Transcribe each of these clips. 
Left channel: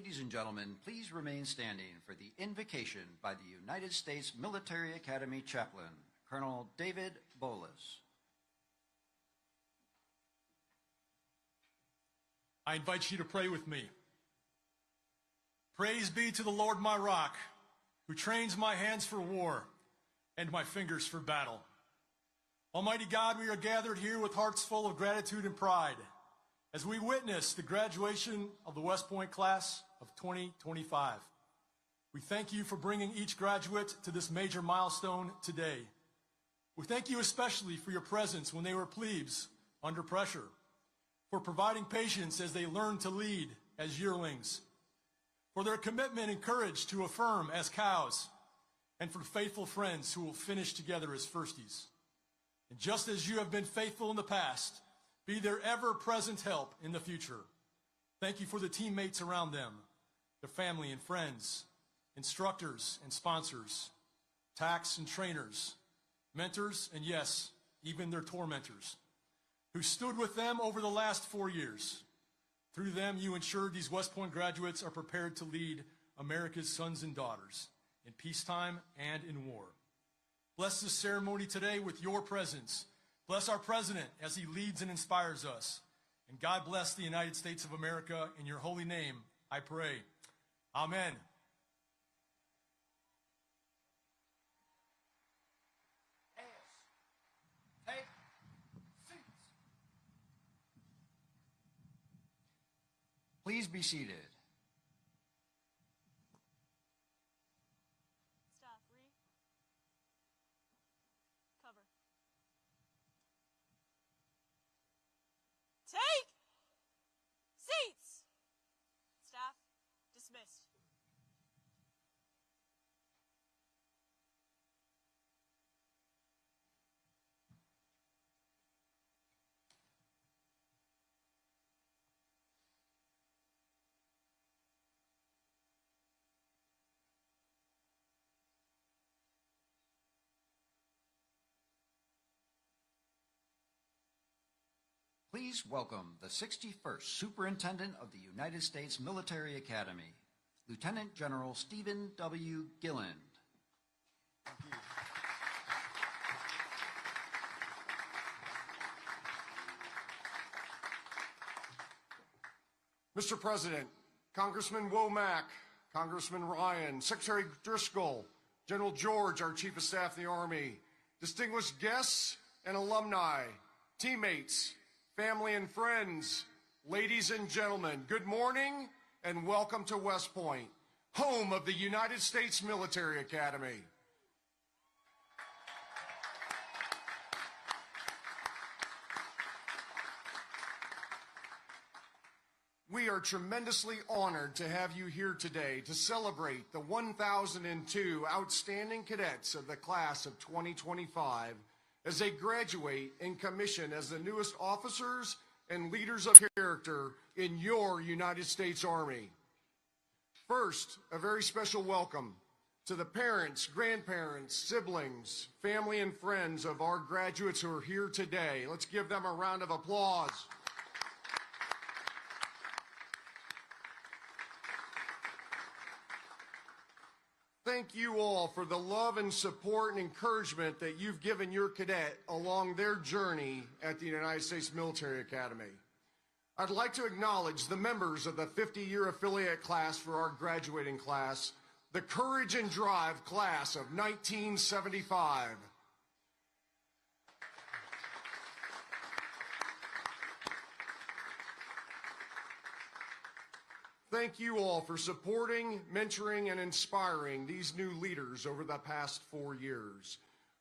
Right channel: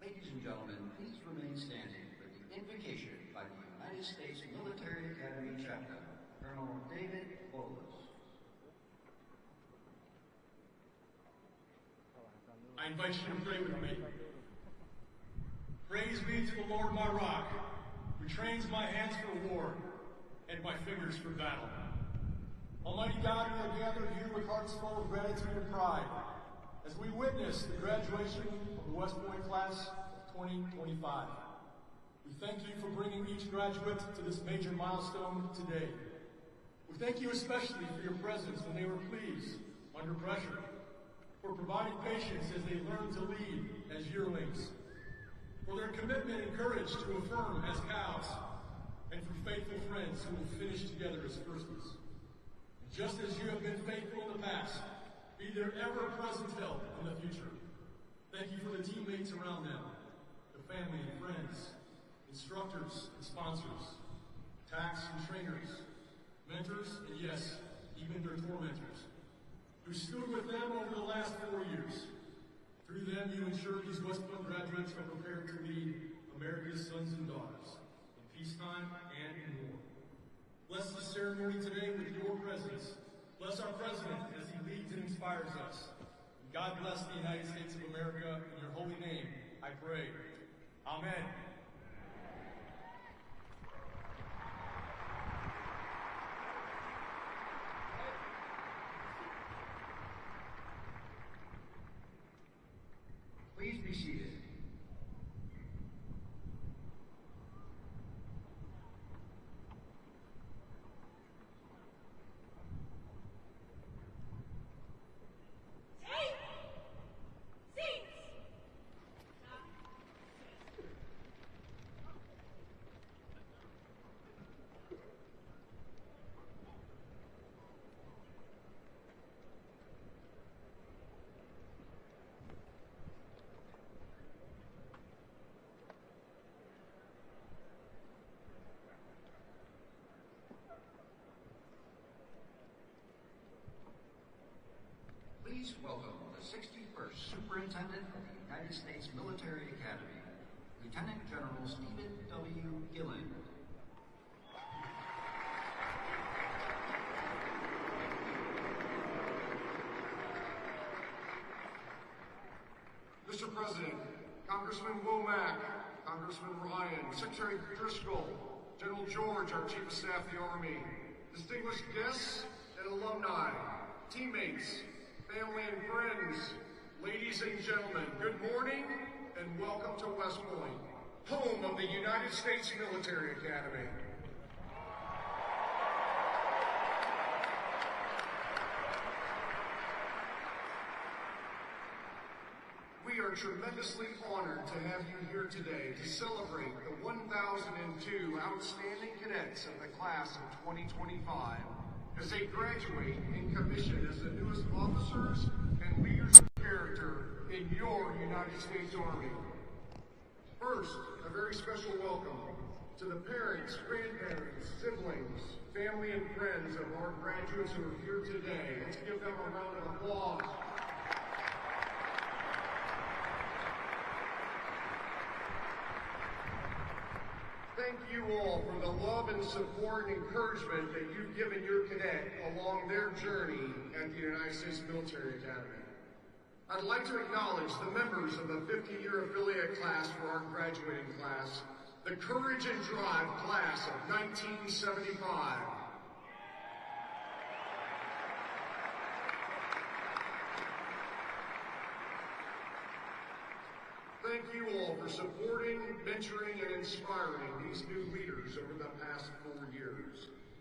Ladies and gentlemen, please remain standing for the invocation by the United States Military Academy Chaplain, Colonel David Bolas. I invite you to pray with me. Praise be to the Lord my rock, who trains my hands for war and my fingers for battle. Almighty God, we are gathered here with hearts full of gratitude and pride as we witness the graduation of the West Point class of 2025. We thank you for bringing each graduate to this major milestone today. We thank you especially for your presence when they were plebes, under pressure, for providing patience as they learn to lead as yearlings, for their commitment and courage to affirm as cows, and for faithful friends who will finish together as firsties. And just as you have been faithful in the past, be their ever-present help in the future. Thank you for the teammates around them, their family and friends, instructors and sponsors, tax and trainers, mentors, and yes, even their tormentors, who stood with them over the last 4 years. Through them, you ensured these West Point graduates are prepared to lead America's sons and daughters in peacetime and in war. Bless the ceremony today with your presence. Bless our president as he leads and inspires us. And God bless the United States of America. In your holy name, I pray. Amen. Please be seated. Take seats. Staff dismissed. Please welcome the 61st Superintendent of the United States Military Academy, Lieutenant General Stephen W. Gilland. Mr. President, Congressman Womack, Congressman Ryan, Secretary Driscoll, General George, our Chief of Staff of the Army, distinguished guests and alumni, teammates, family and friends, ladies and gentlemen, good morning and welcome to West Point, home of the United States Military Academy. We are tremendously honored to have you here today to celebrate the 1,002 outstanding cadets of the class of 2025 as they graduate and commission as the newest officers and leaders of character in your United States Army. First, a very special welcome to the parents, grandparents, siblings, family, and friends of our graduates who are here today. Let's give them a round of applause. Thank you all for the love and support and encouragement that you've given your cadet along their journey at the United States Military Academy. I'd like to acknowledge the members of the 50-year affiliate class for our graduating class, the Courage and Drive class of 1975. Thank you all for supporting, mentoring, and inspiring these new leaders over the past 4 years.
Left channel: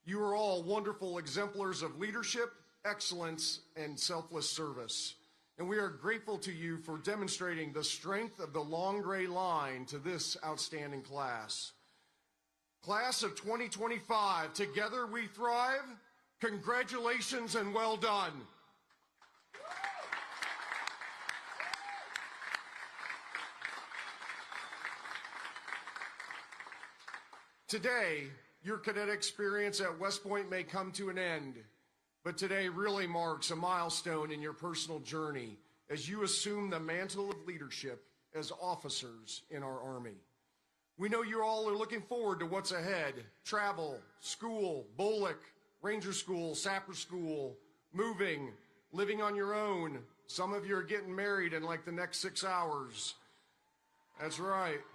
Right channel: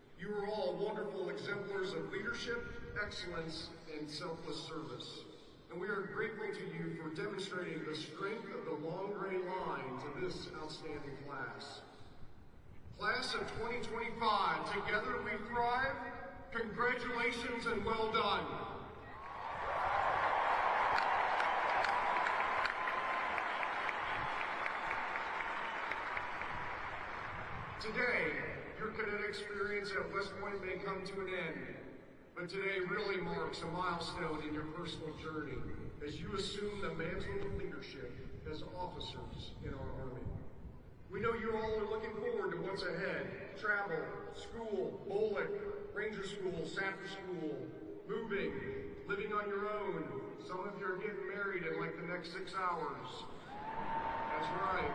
You are all wonderful exemplars of leadership, excellence, and selfless service. And we are grateful to you for demonstrating the strength of the long gray line to this outstanding class. Class of 2025, together we thrive. Congratulations and well done. Today, your cadet experience at West Point may come to an end, but today really marks a milestone in your personal journey as you assume the mantle of leadership as officers in our Army. We know you all are looking forward to what's ahead. Travel, school, BOLIC, Ranger School, Sapper School, moving, living on your own. Some of you are getting married in like the next 6 hours. That's right.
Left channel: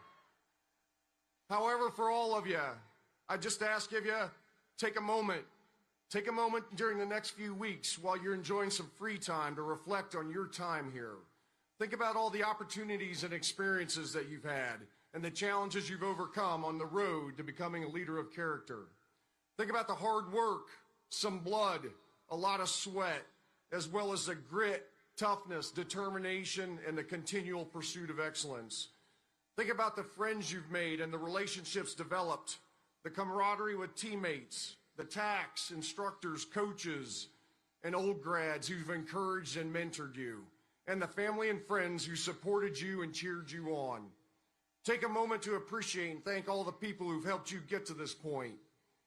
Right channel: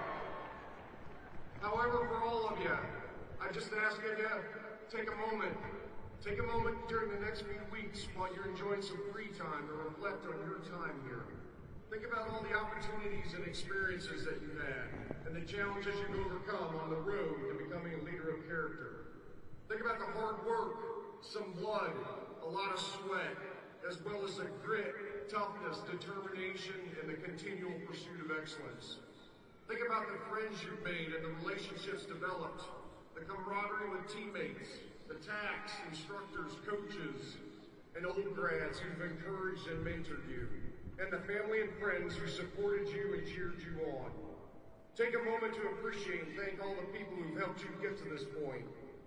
However, for all of you, I just ask of you, take a moment during the next few weeks while you're enjoying some free time to reflect on your time here. Think about all the opportunities and experiences that you've had and the challenges you've overcome on the road to becoming a leader of character. Think about the hard work, some blood, a lot of sweat, as well as the grit, toughness, determination, and the continual pursuit of excellence. Think about the friends you've made and the relationships developed, the camaraderie with teammates, the TACs, instructors, coaches, and old grads who've encouraged and mentored you, and the family and friends who supported you and cheered you on. Take a moment to appreciate and thank all the people who've helped you get to this point,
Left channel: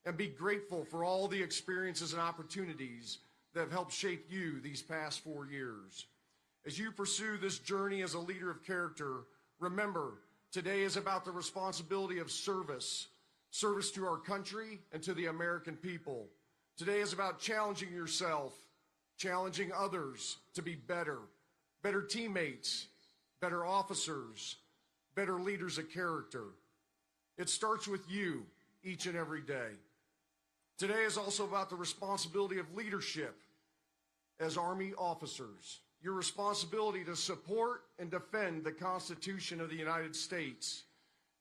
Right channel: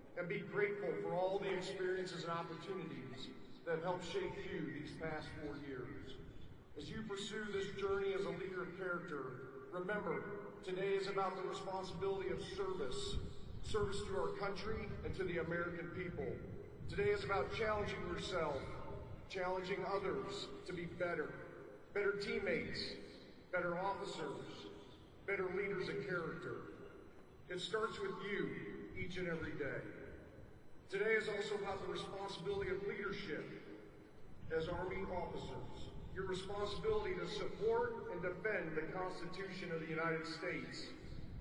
and be grateful for all the experiences and opportunities that have helped shape you these past 4 years. As you pursue this journey as a leader of character, remember, today is about the responsibility of service to our country and to the American people. Today is about challenging yourself, challenging others to be better teammates, better officers, better leaders of character. It starts with you each and every day. Today is also about the responsibility of leadership as Army officers. Your responsibility to support and defend the Constitution of the United States,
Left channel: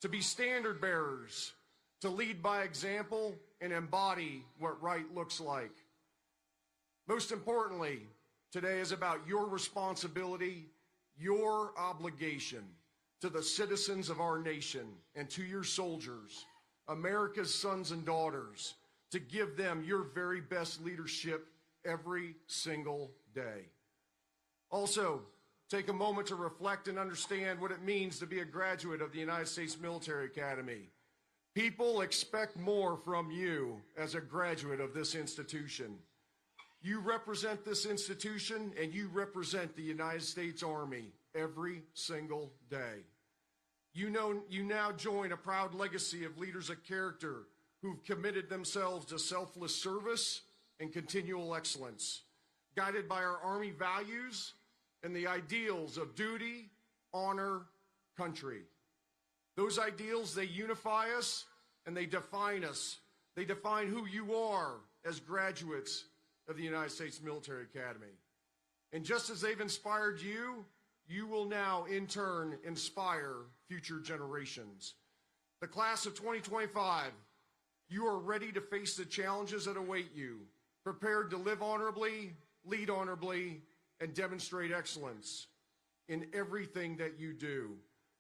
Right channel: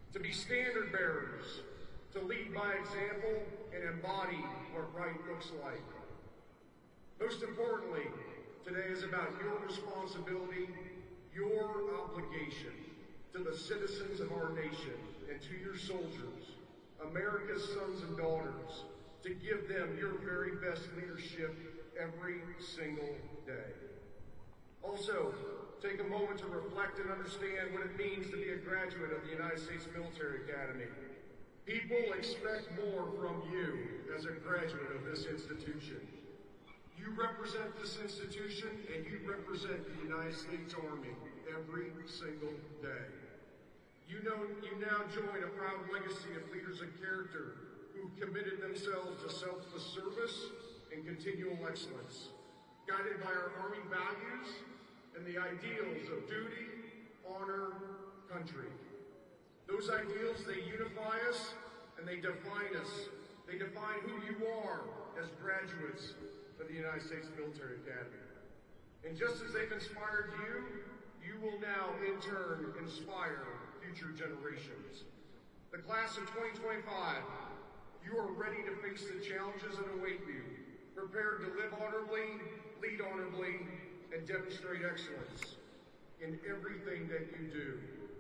to be standard bearers, to lead by example and embody what right looks like. Most importantly, today is about your responsibility, your obligation to the citizens of our nation and to your soldiers, America's sons and daughters, to give them your very best leadership every single day. Also, take a moment to reflect and understand what it means to be a graduate of the United States Military Academy. People expect more from you as a graduate of this institution. You represent this institution and you represent the United States Army every single day. You now join a proud legacy of leaders of character who've committed themselves to selfless service and continual excellence, guided by our Army values and the ideals of duty, honor, country. Those ideals, they unify us and they define us. They define who you are as graduates of the United States Military Academy. And just as they've inspired you, you will now in turn inspire future generations. The class of 2025, you are ready to face the challenges that await you, prepared to live honorably, lead honorably, and demonstrate excellence in everything that you do.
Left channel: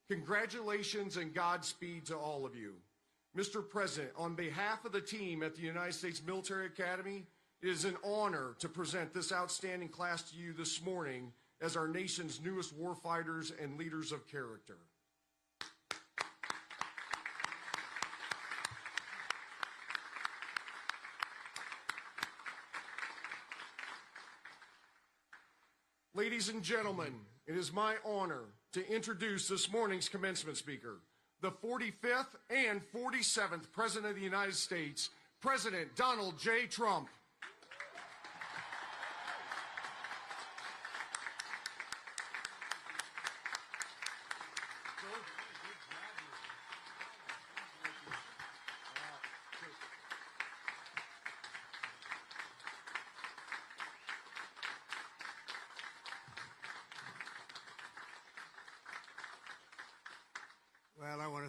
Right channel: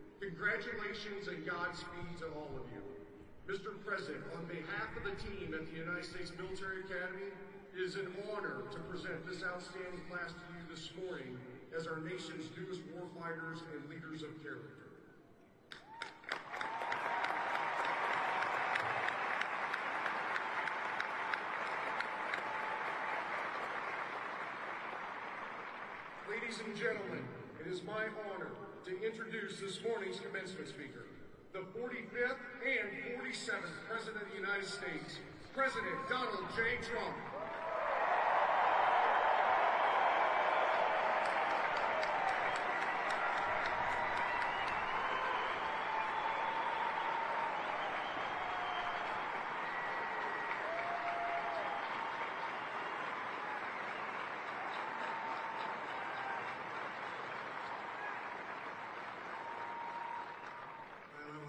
Congratulations and Godspeed to all of you. Mr. President, on behalf of the team at the United States Military Academy, it is an honor to present this outstanding class to you this morning as our nation's newest warfighters and leaders of character. Ladies and gentlemen, it is my honor to introduce this morning's commencement speaker, the 45th and 47th President of the United States, President Donald J. Trump.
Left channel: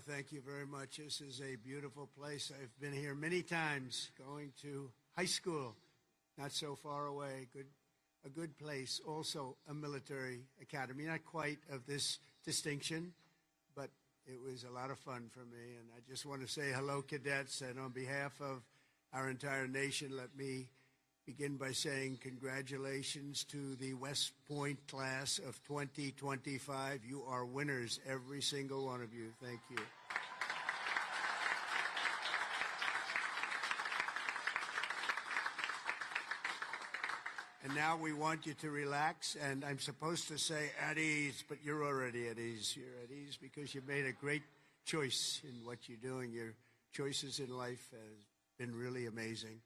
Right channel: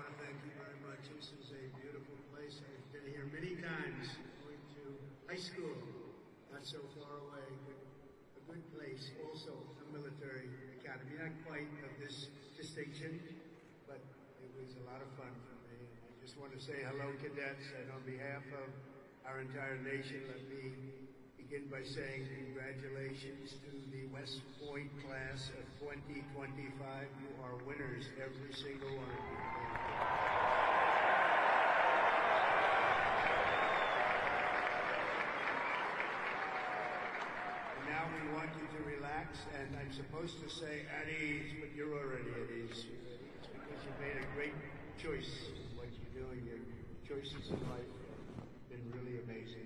Thank you very much. This is a beautiful place. I've been here many times, going to high school, not so far away. A good place, also a military academy. Not quite of this distinction, but it was a lot of fun for me. And I just want to say hello, cadets, and on behalf of our entire nation, let me begin by saying congratulations to the West Point class of 2025. You are winners, every single one of you. Thank you. And now we want you to relax, and I'm supposed to say at ease, but you're already at ease. because you've made a great choice in what you're doing. Your choices in life have been really amazing.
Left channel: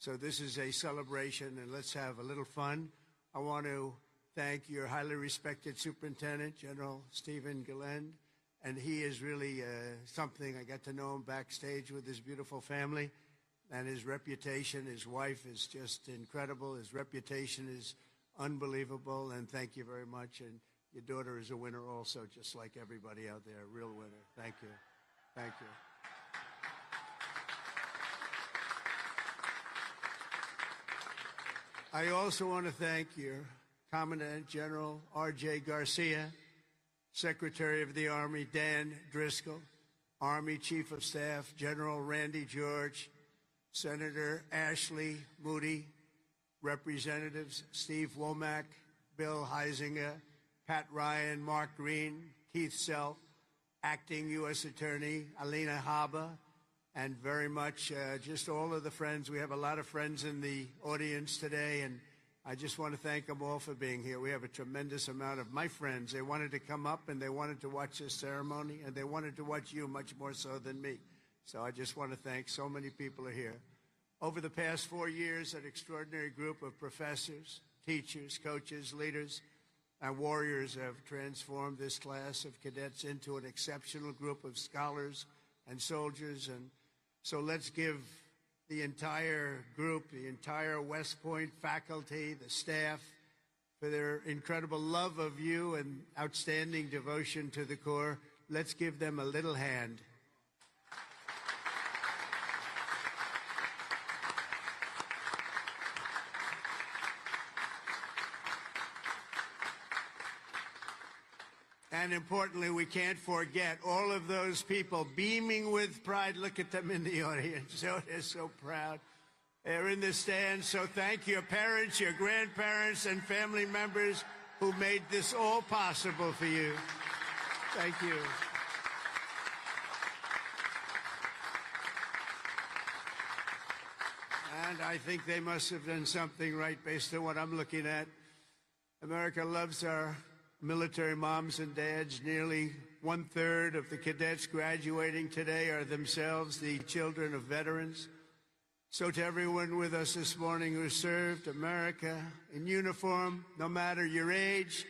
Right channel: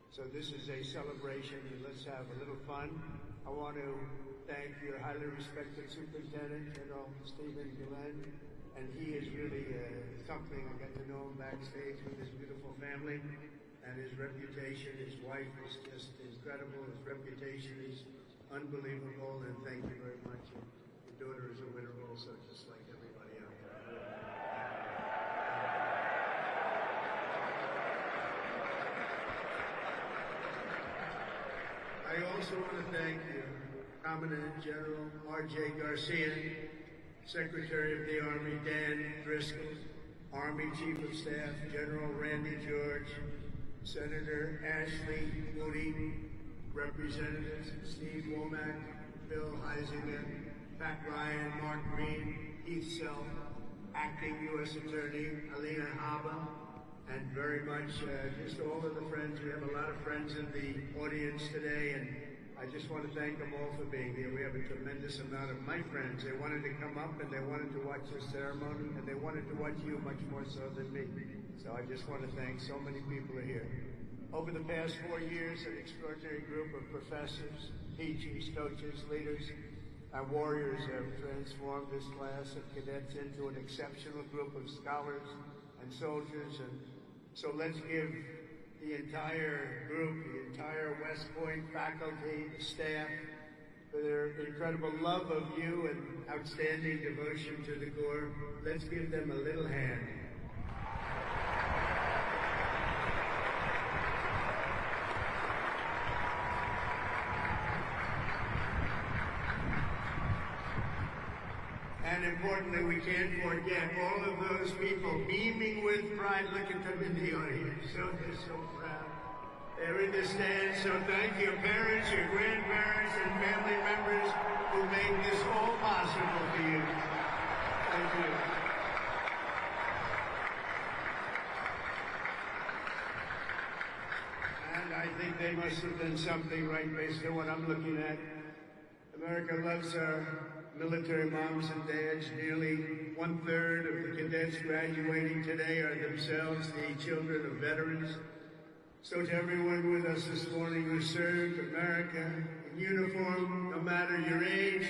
So this is a celebration, and let's have a little fun. I want to thank your highly respected Superintendent, General Stephen Gillen, and he is really something. I got to know him backstage with his beautiful family, and his reputation, his wife is just incredible. His reputation is unbelievable, and thank you very much. And your daughter is a winner also, just like everybody out there, a real winner. Thank you. Thank you. I also want to thank your Commandant General R.J. Garcia, Secretary of the Army Dan Driscoll, Army Chief of Staff General Randy George, Senator Ashley Moody, Representatives Steve Womack, Bill Heisinger, Pat Ryan, Mark Green, Keith Self, Acting U.S. Attorney Alina Haba, and very much just all of the friends. We have a lot of friends in the audience today, and I just want to thank them all for being here. We have a tremendous amount of my friends. They wanted to come up and they wanted to watch the ceremony, and they wanted to watch you much more so than me. So I just want to thank so many people here. Over the past 4 years, an extraordinary group of professors, teachers, coaches, leaders, and warriors have transformed this class of cadets into an exceptional group of scholars and soldiers. And so let's give the entire group, the entire West Point faculty, staff, for their incredible love of you and outstanding devotion to the Corps. Let's give them a little hand. And importantly, we can't forget all of those people beaming with pride. Look at them in the audience. They're so proud. They're in the stands. So thank your parents, your grandparents, and family members who made this all possible for you. Thank you. And I think they must have done something right based on what I'm looking at. America loves our military moms and dads. Nearly 1/3 of the cadets graduating today are themselves the children of veterans. So to everyone with us this morning who served America in uniform, no matter your age,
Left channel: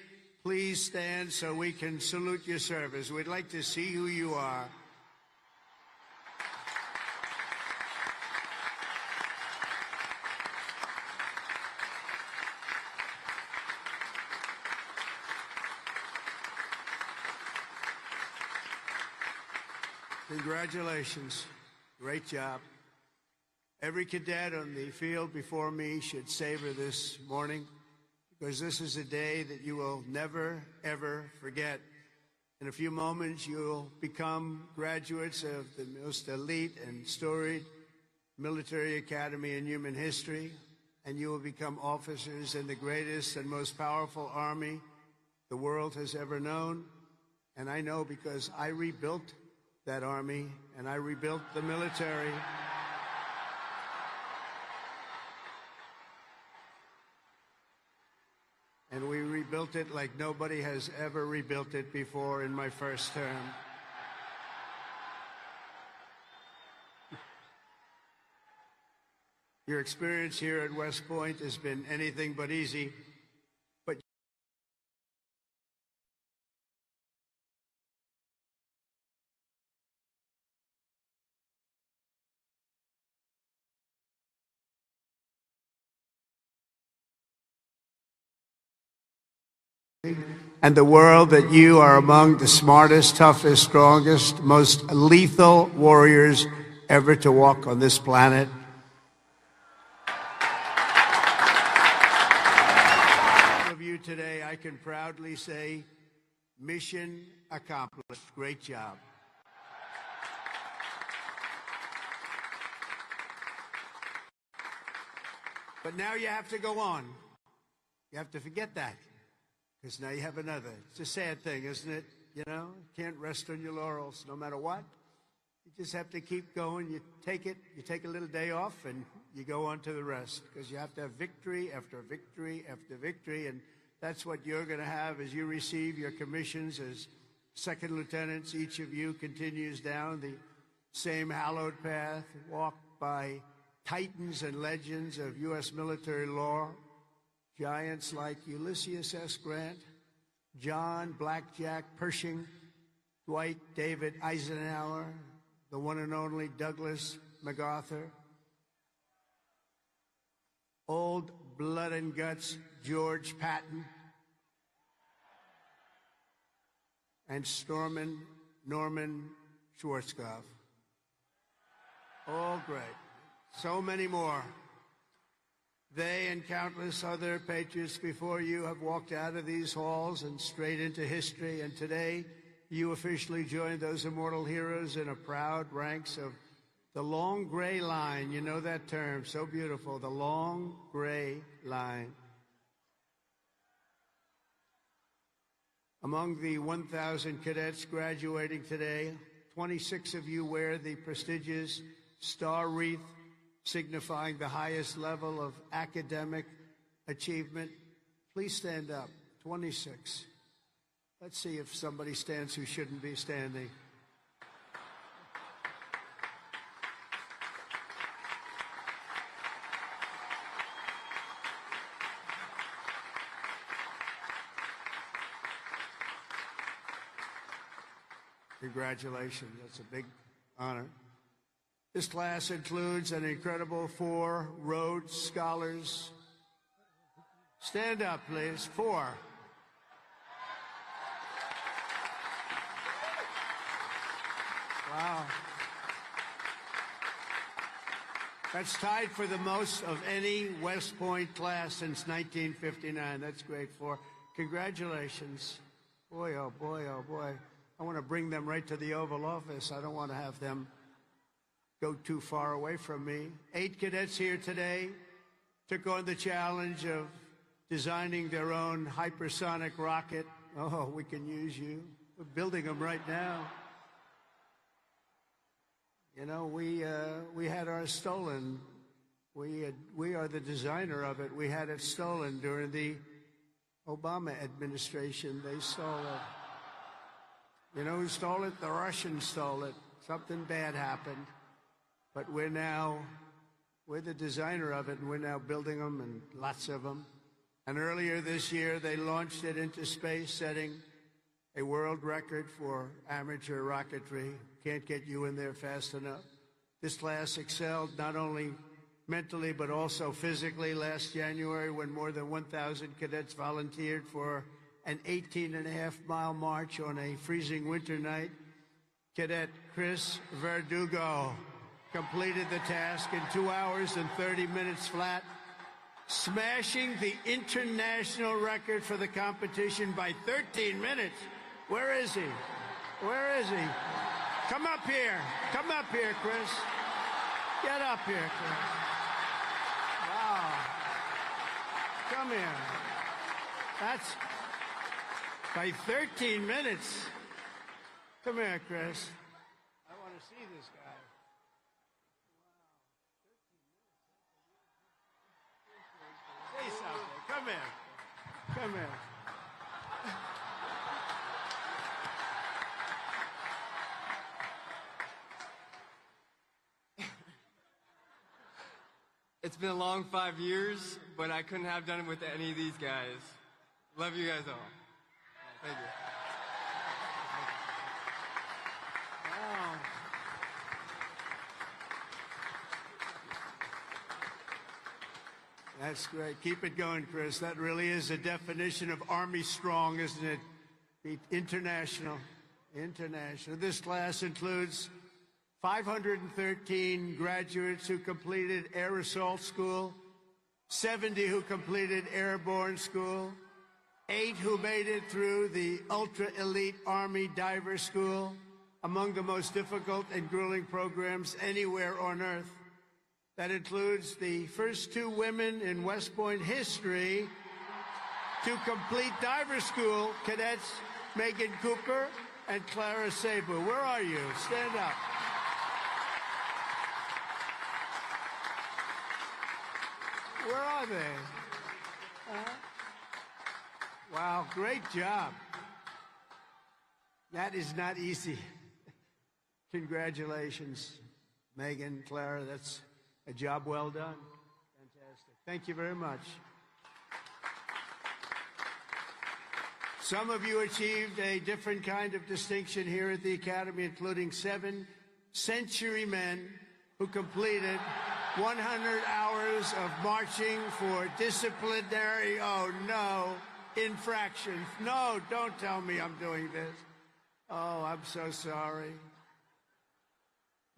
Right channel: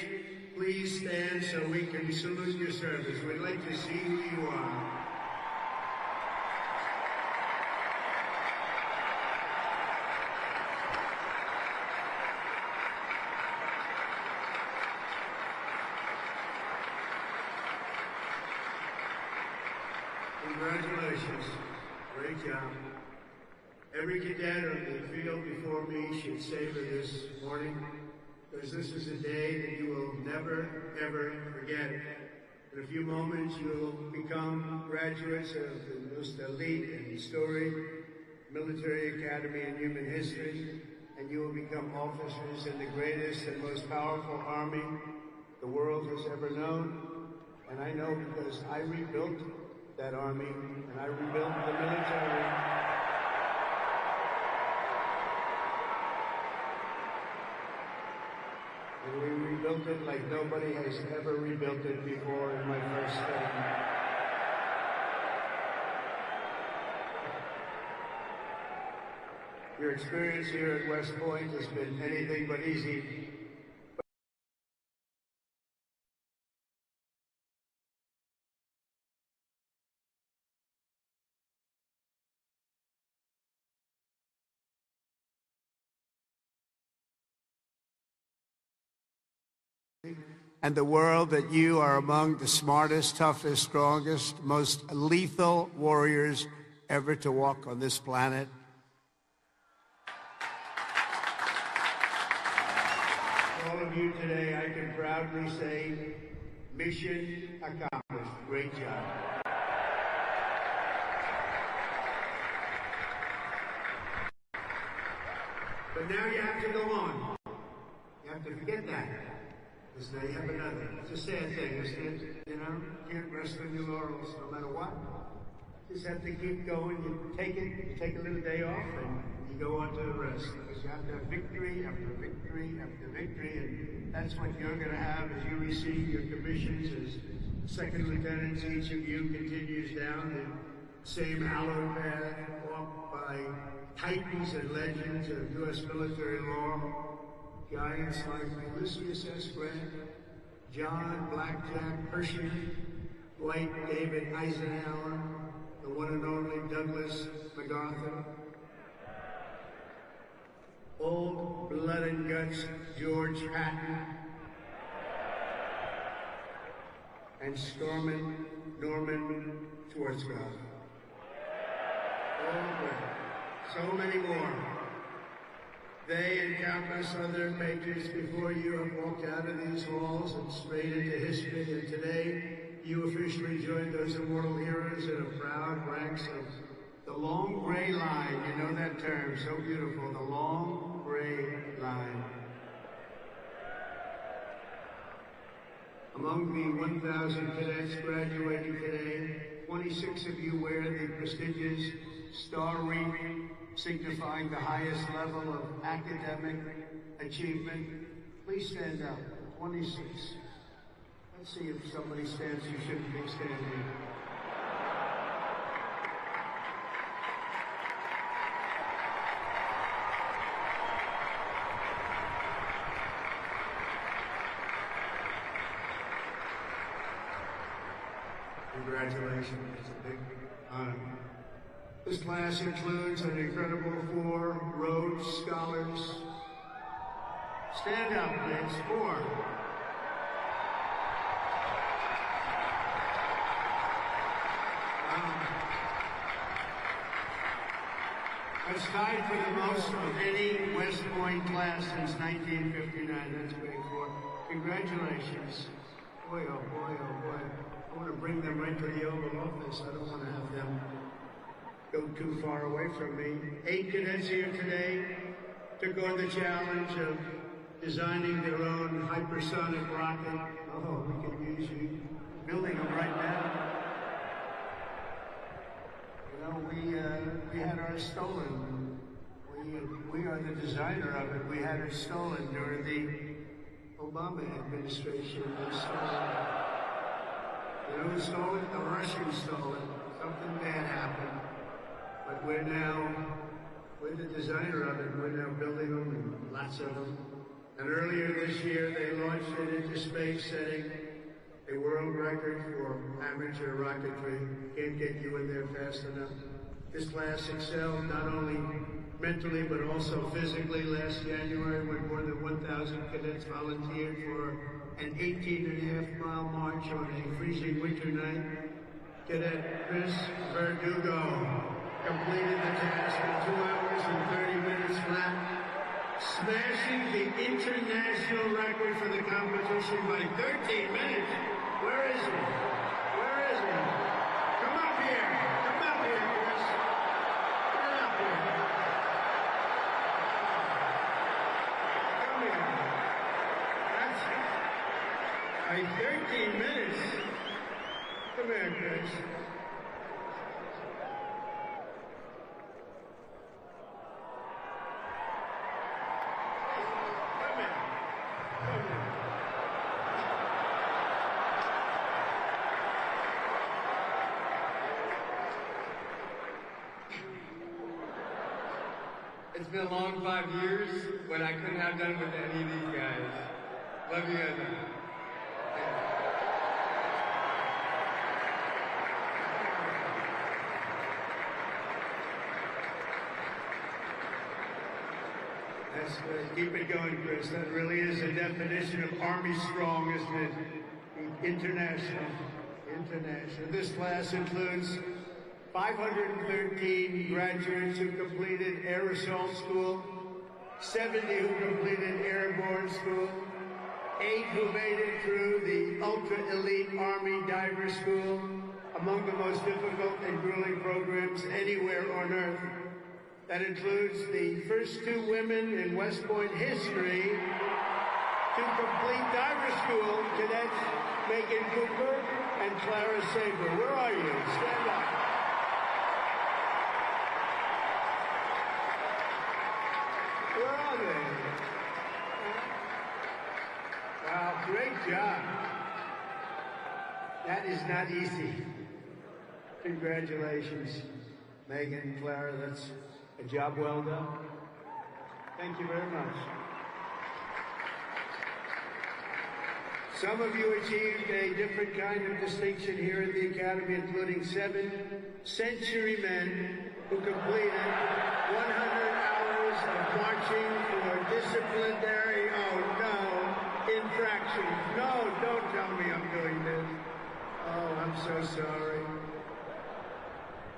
please stand so we can salute your service. We'd like to see who you are. Congratulations. Great job. Every cadet on the field before me should savor this morning, because this is a day that you will never, ever forget. In a few moments, you will become graduates of the most elite and storied military academy in human history, and you will become officers in the greatest and most powerful army the world has ever known. And I know because I rebuilt that army, and I rebuilt the military. And we rebuilt it like nobody has ever rebuilt it before in my first term. Your experience here at West Point has been anything but easy. But and the world that you are among the smartest, toughest, strongest, most lethal warriors ever to walk on this planet. Today, I can proudly say, mission accomplished. Great job. But now you have to go on. You have to forget that. Because now you have another. It's a sad thing, isn't it? You know, can't rest on your laurels no matter what. Just have to keep going. You take a little day off, and you go on to the rest. Because you have to have victory after victory after victory, and that's what you're going to have as you receive your commissions as Second lieutenants, each of you continues down the same hallowed path walked by titans and legends of U.S. military law, giants like Ulysses S. Grant, John Blackjack Pershing, Dwight David Eisenhower, the one and only Douglas MacArthur, old blood and guts George Patton, and Norman Schwarzkopf. Oh, so many more. They, countless other patriots before you, have walked out of these halls and straight into history, and today you officially join those immortal heroes in the proud ranks of the long gray line. You know that term, so beautiful, the long gray line. Among the 1,000 cadets graduating today, 26 of you wear the prestigious Star Wreath, signifying the highest level of academic achievement. Please stand up. 26. Let's see if somebody stands who shouldn't be standing. Congratulations. It's a big honor. This class includes an incredible 4 Rhodes Scholars. Stand up, please. 4. That's tied for the most of any West Point class since 1959. That's great. 4. Congratulations. Boy, oh boy, oh boy. I want to bring them right to the Oval Office. I don't want to have them go too far away from me. 8 cadets here today took on the challenge of designing their own hypersonic rocket. Oh, we could use you building them right now. You know, we had ours stolen. We are the designer of it. We had it stolen during the Obama administration. They stole it. You know who stole it? The Russians stole it. Something bad happened. But we're the designer of it. We're now building them, and lots of them. And earlier this year, they launched it into space, setting a world record for amateur rocketry. Can't get you in there fast enough. This class excelled not only mentally but also physically last January when more than 1,000 cadets volunteered for an 18.5-mile march on a freezing winter night. Cadet Chris Verdugo completing the task in 2 hours and 30 minutes flat, smashing the international record for the competition by 13 minutes. Where is he? Where is he? Come up here. Come up here, Chris. Get up here. Come here. That's by 13 minutes. Come here, Chris. It's been a long 5 years, but I couldn't have done it with any of these guys. Love you guys. That's great. Keep it going, Chris. That really is a definition of Army strong, isn't it? International. This class includes 513 graduates who completed Air Assault School, 70 who completed Airborne School, 8 who made it through the ultra-elite Army Diver School, among the most difficult and grueling programs anywhere on Earth. That includes the first 2 women in West Point history to complete diver school, cadets Megan Cooper and Clara Saber. Where are you? Stand up. Where are they? Wow, great job. not easy. Congratulations, Megan and Clara. That's a job well done. Thank you very much. Some of you achieved a different kind of distinction here at the Academy, including 7 century men who completed 100 hours of marching for disciplinary, infraction. No, don't tell me I'm doing this. Oh, I'm so sorry.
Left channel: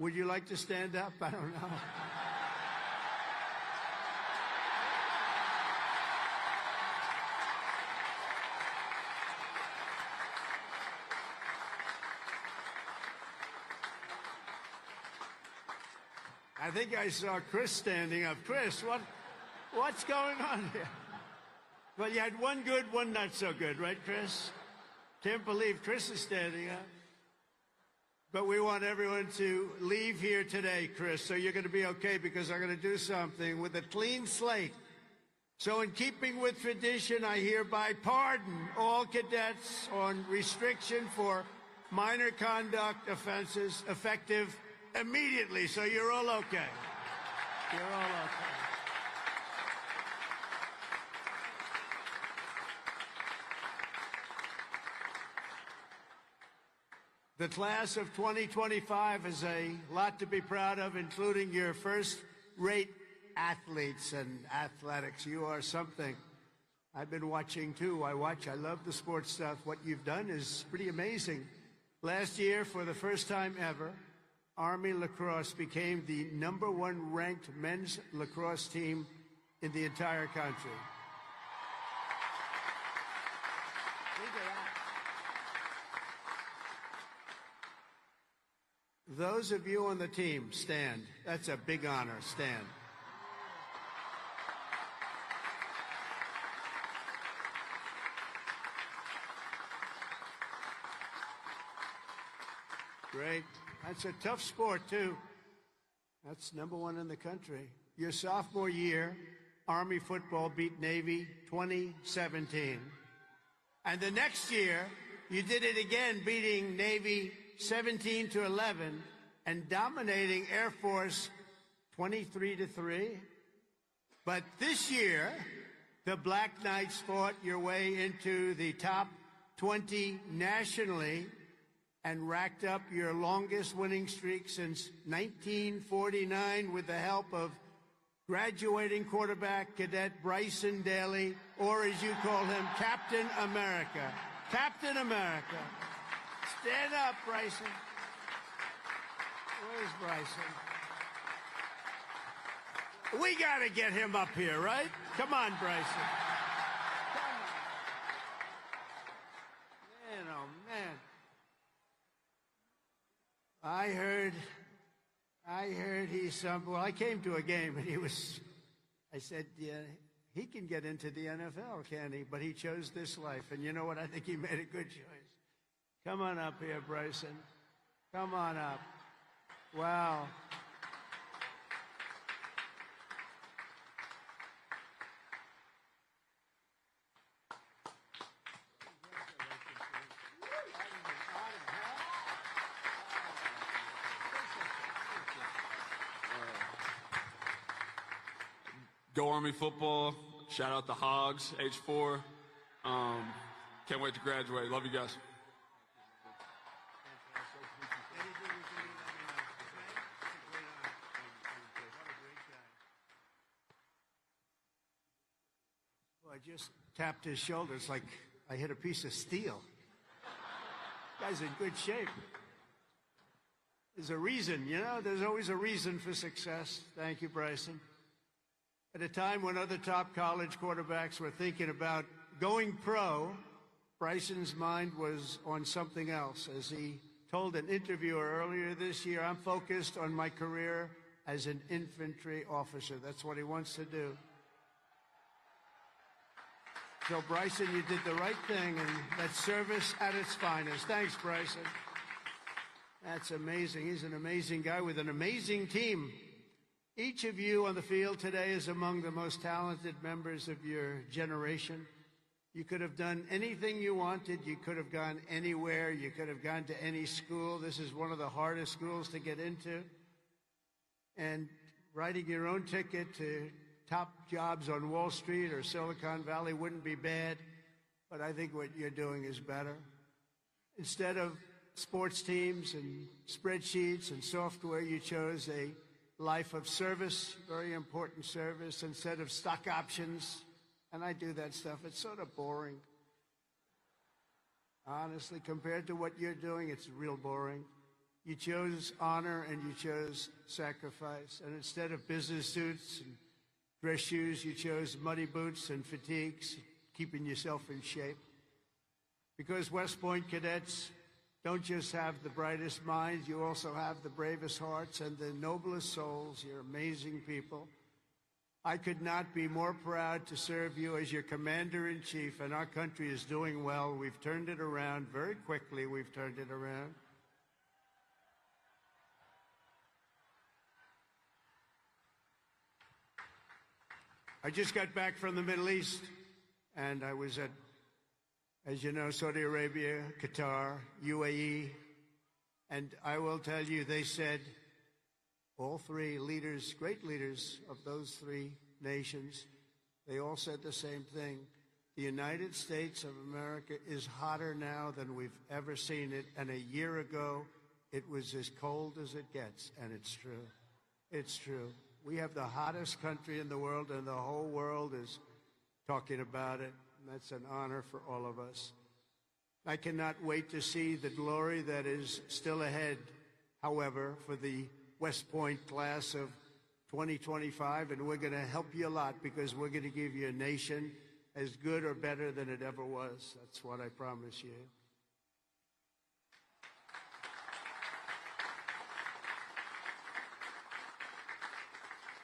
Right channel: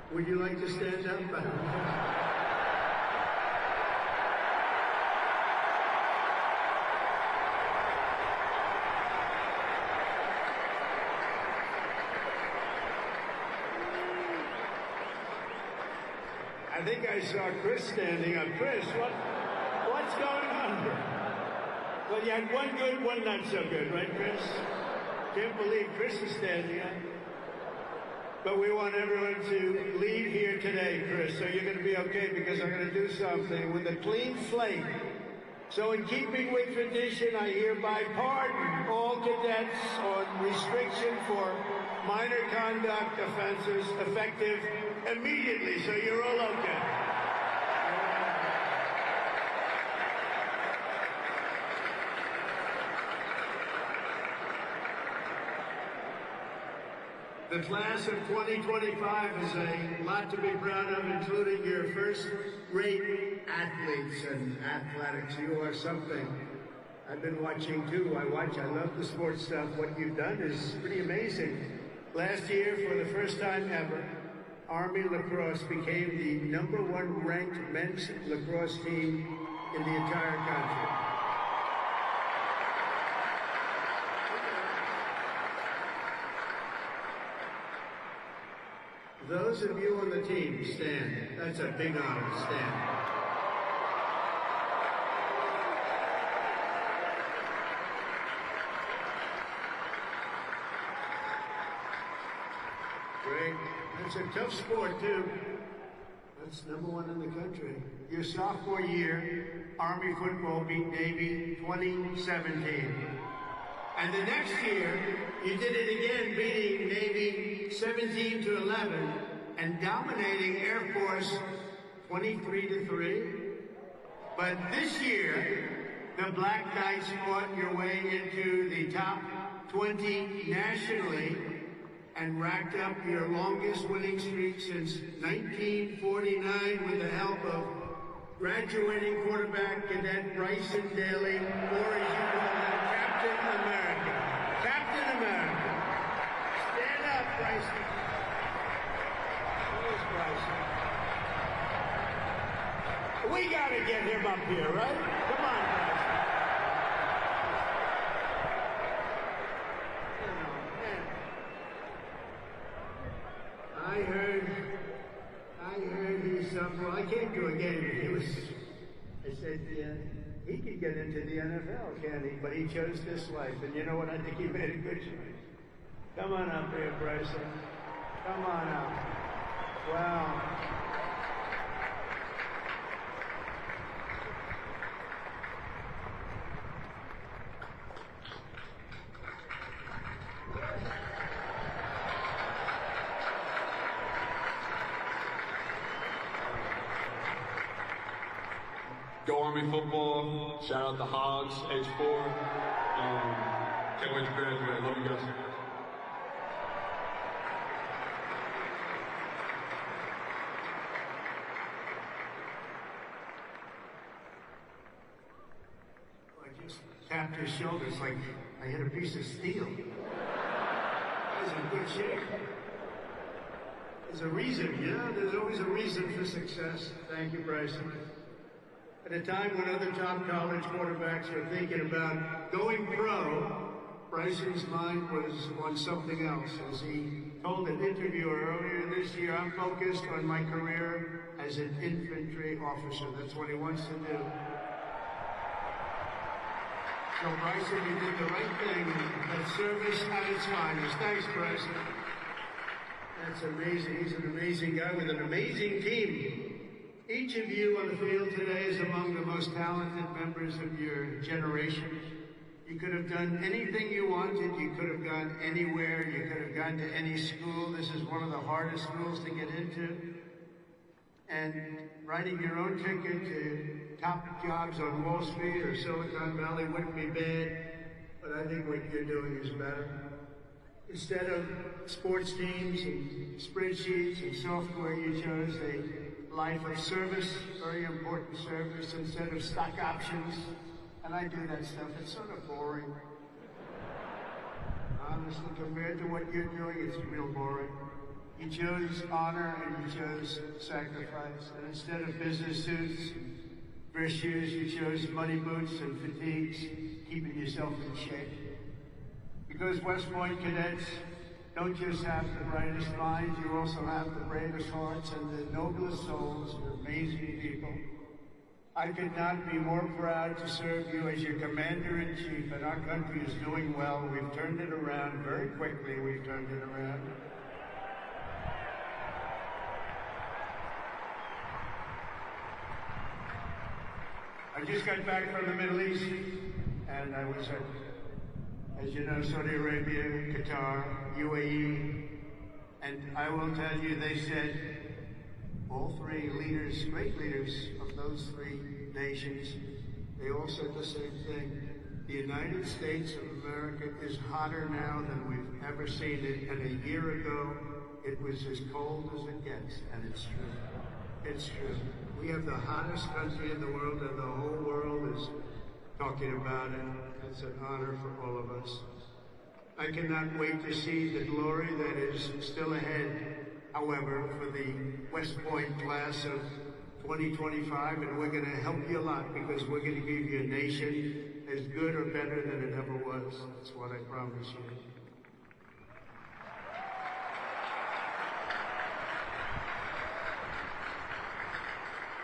Would you like to stand up? I think I saw Chris standing up. Chris, what's going on? Well, you had one good, one not so good, right, Chris? Can't believe Chris is standing. But we want everyone to leave here today, Chris, so you're going to be okay, because I'm going to do something with a clean slate. So in keeping with tradition, I hereby pardon all cadets on restriction for minor conduct offenses effective immediately, so you're all okay. The class of 2025 is a lot to be proud of, including your first-rate athletes and athletics. You are something. I've been watching too. I love the sports stuff. What you've done is pretty amazing. Last year, for the first time ever, Army lacrosse became the #1 ranked men's lacrosse team in the entire country. Those of you on the team, stand. That's a big honor. Stand. Great. That's a tough sport, too. That's #1 in the country. Your sophomore year, Army football beat Navy 2017. And the next year, you did it again, beating Navy 17-11 and dominating Air Force 23-3. But this year, the Black Knights fought your way into the top 20 nationally and racked up your longest winning streak since 1949 with the help of graduating quarterback cadet Bryson Daly, or as you call him, Captain America. Captain America. Stand up, Bryson. We gotta get him up here, right? Come on, Bryson. I heard he said, well, I came to a game. I said, he can get into the NFL, but he chose this life. You know what? They keep it in. Come on up here, Bryson. Come on up. Wow. Go Army football. Shout out to Hogs, H4. Can't wait to graduate. Love you guys. I just tapped his shoulders like I hit a piece of steel. That's in good shape. There's a reason, you know? There's always a reason for success. Thank you, Bryson. At a time when other top college quarterbacks were thinking about going pro, Bryson's mind was on something else. As he told an interviewer earlier this year, I'm focused on my career as an infantry officer. That's what he wants to do. So Bryson, you did the right thing and service at its finest. Thanks, Bryson. That's amazing. He's an amazing guy with an amazing team. Each of you on the field today is among the most talented members of your generation. You could have done anything you wanted. You could have gone anywhere. You could have gone to any school. This is one of the hardest schools to get into. And writing your own ticket to top jobs on Wall Street or Silicon Valley wouldn't be bad, but I think what you're doing is better. Instead of sports teams and spreadsheets and software, you chose a life of service, very important service, instead of stock options. And I do that stuff. It's sort of boring. Honestly, compared to what you're doing, it's real boring. You chose honor and you chose sacrifice. Instead of business suits, dress shoes, you chose money boots and fatigues, keeping yourself in shape. Because West Point cadets don't just have the brightest minds, they also have the bravest hearts and the noblest souls of amazing people. I could not be more proud to serve you as your commander-in-chief, and our country is doing well. We've turned it around very quickly. We've turned it around. I just got back from the Middle East, and I was as you know, Saudi Arabia, Qatar, UAE, and I will tell you, they said, all three leaders, great leaders of those three nations, they all said the same thing. The United States of America is hotter now than we've ever seen it, and a year ago, it was as cold as it gets, and it's true. It's true. We have the hottest country in the world, and the whole world is talking about it. It's an honor for all of us. I cannot wait to see the glory that is still ahead. However, for the West Point class of 2025, we're going to help you a lot because we're going to give you a nation as good or better than it ever was. That's what I promise you.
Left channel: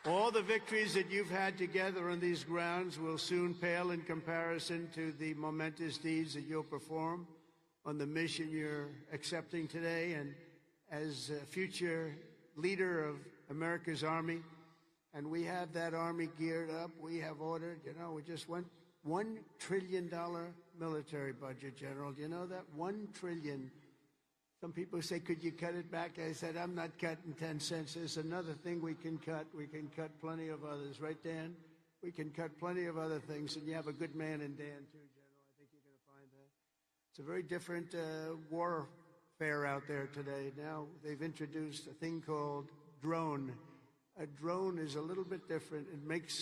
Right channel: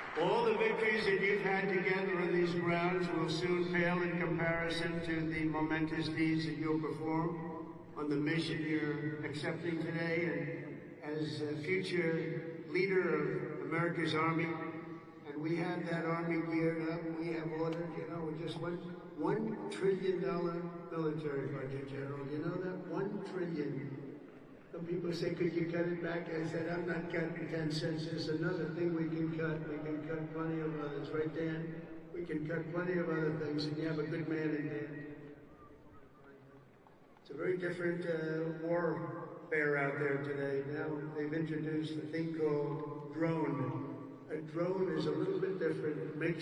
All the victories that you've had together on these grounds will soon pale in comparison to the momentous deeds that you'll perform on the mission you're accepting today as a future leader of America's Army. And we have that Army geared up. We have more than, just $1 trillion military budget, General. You know that? $1 trillion. Some people say we can cut it back. I said, I'm not cutting 10 cents. It's another thing we can cut. We can cut plenty of others, right, Dan? We can cut plenty of other things. We have a good man in here. It's a very different warfare out there today. Now they've introduced a thing called drone. A drone is a little bit different. It makes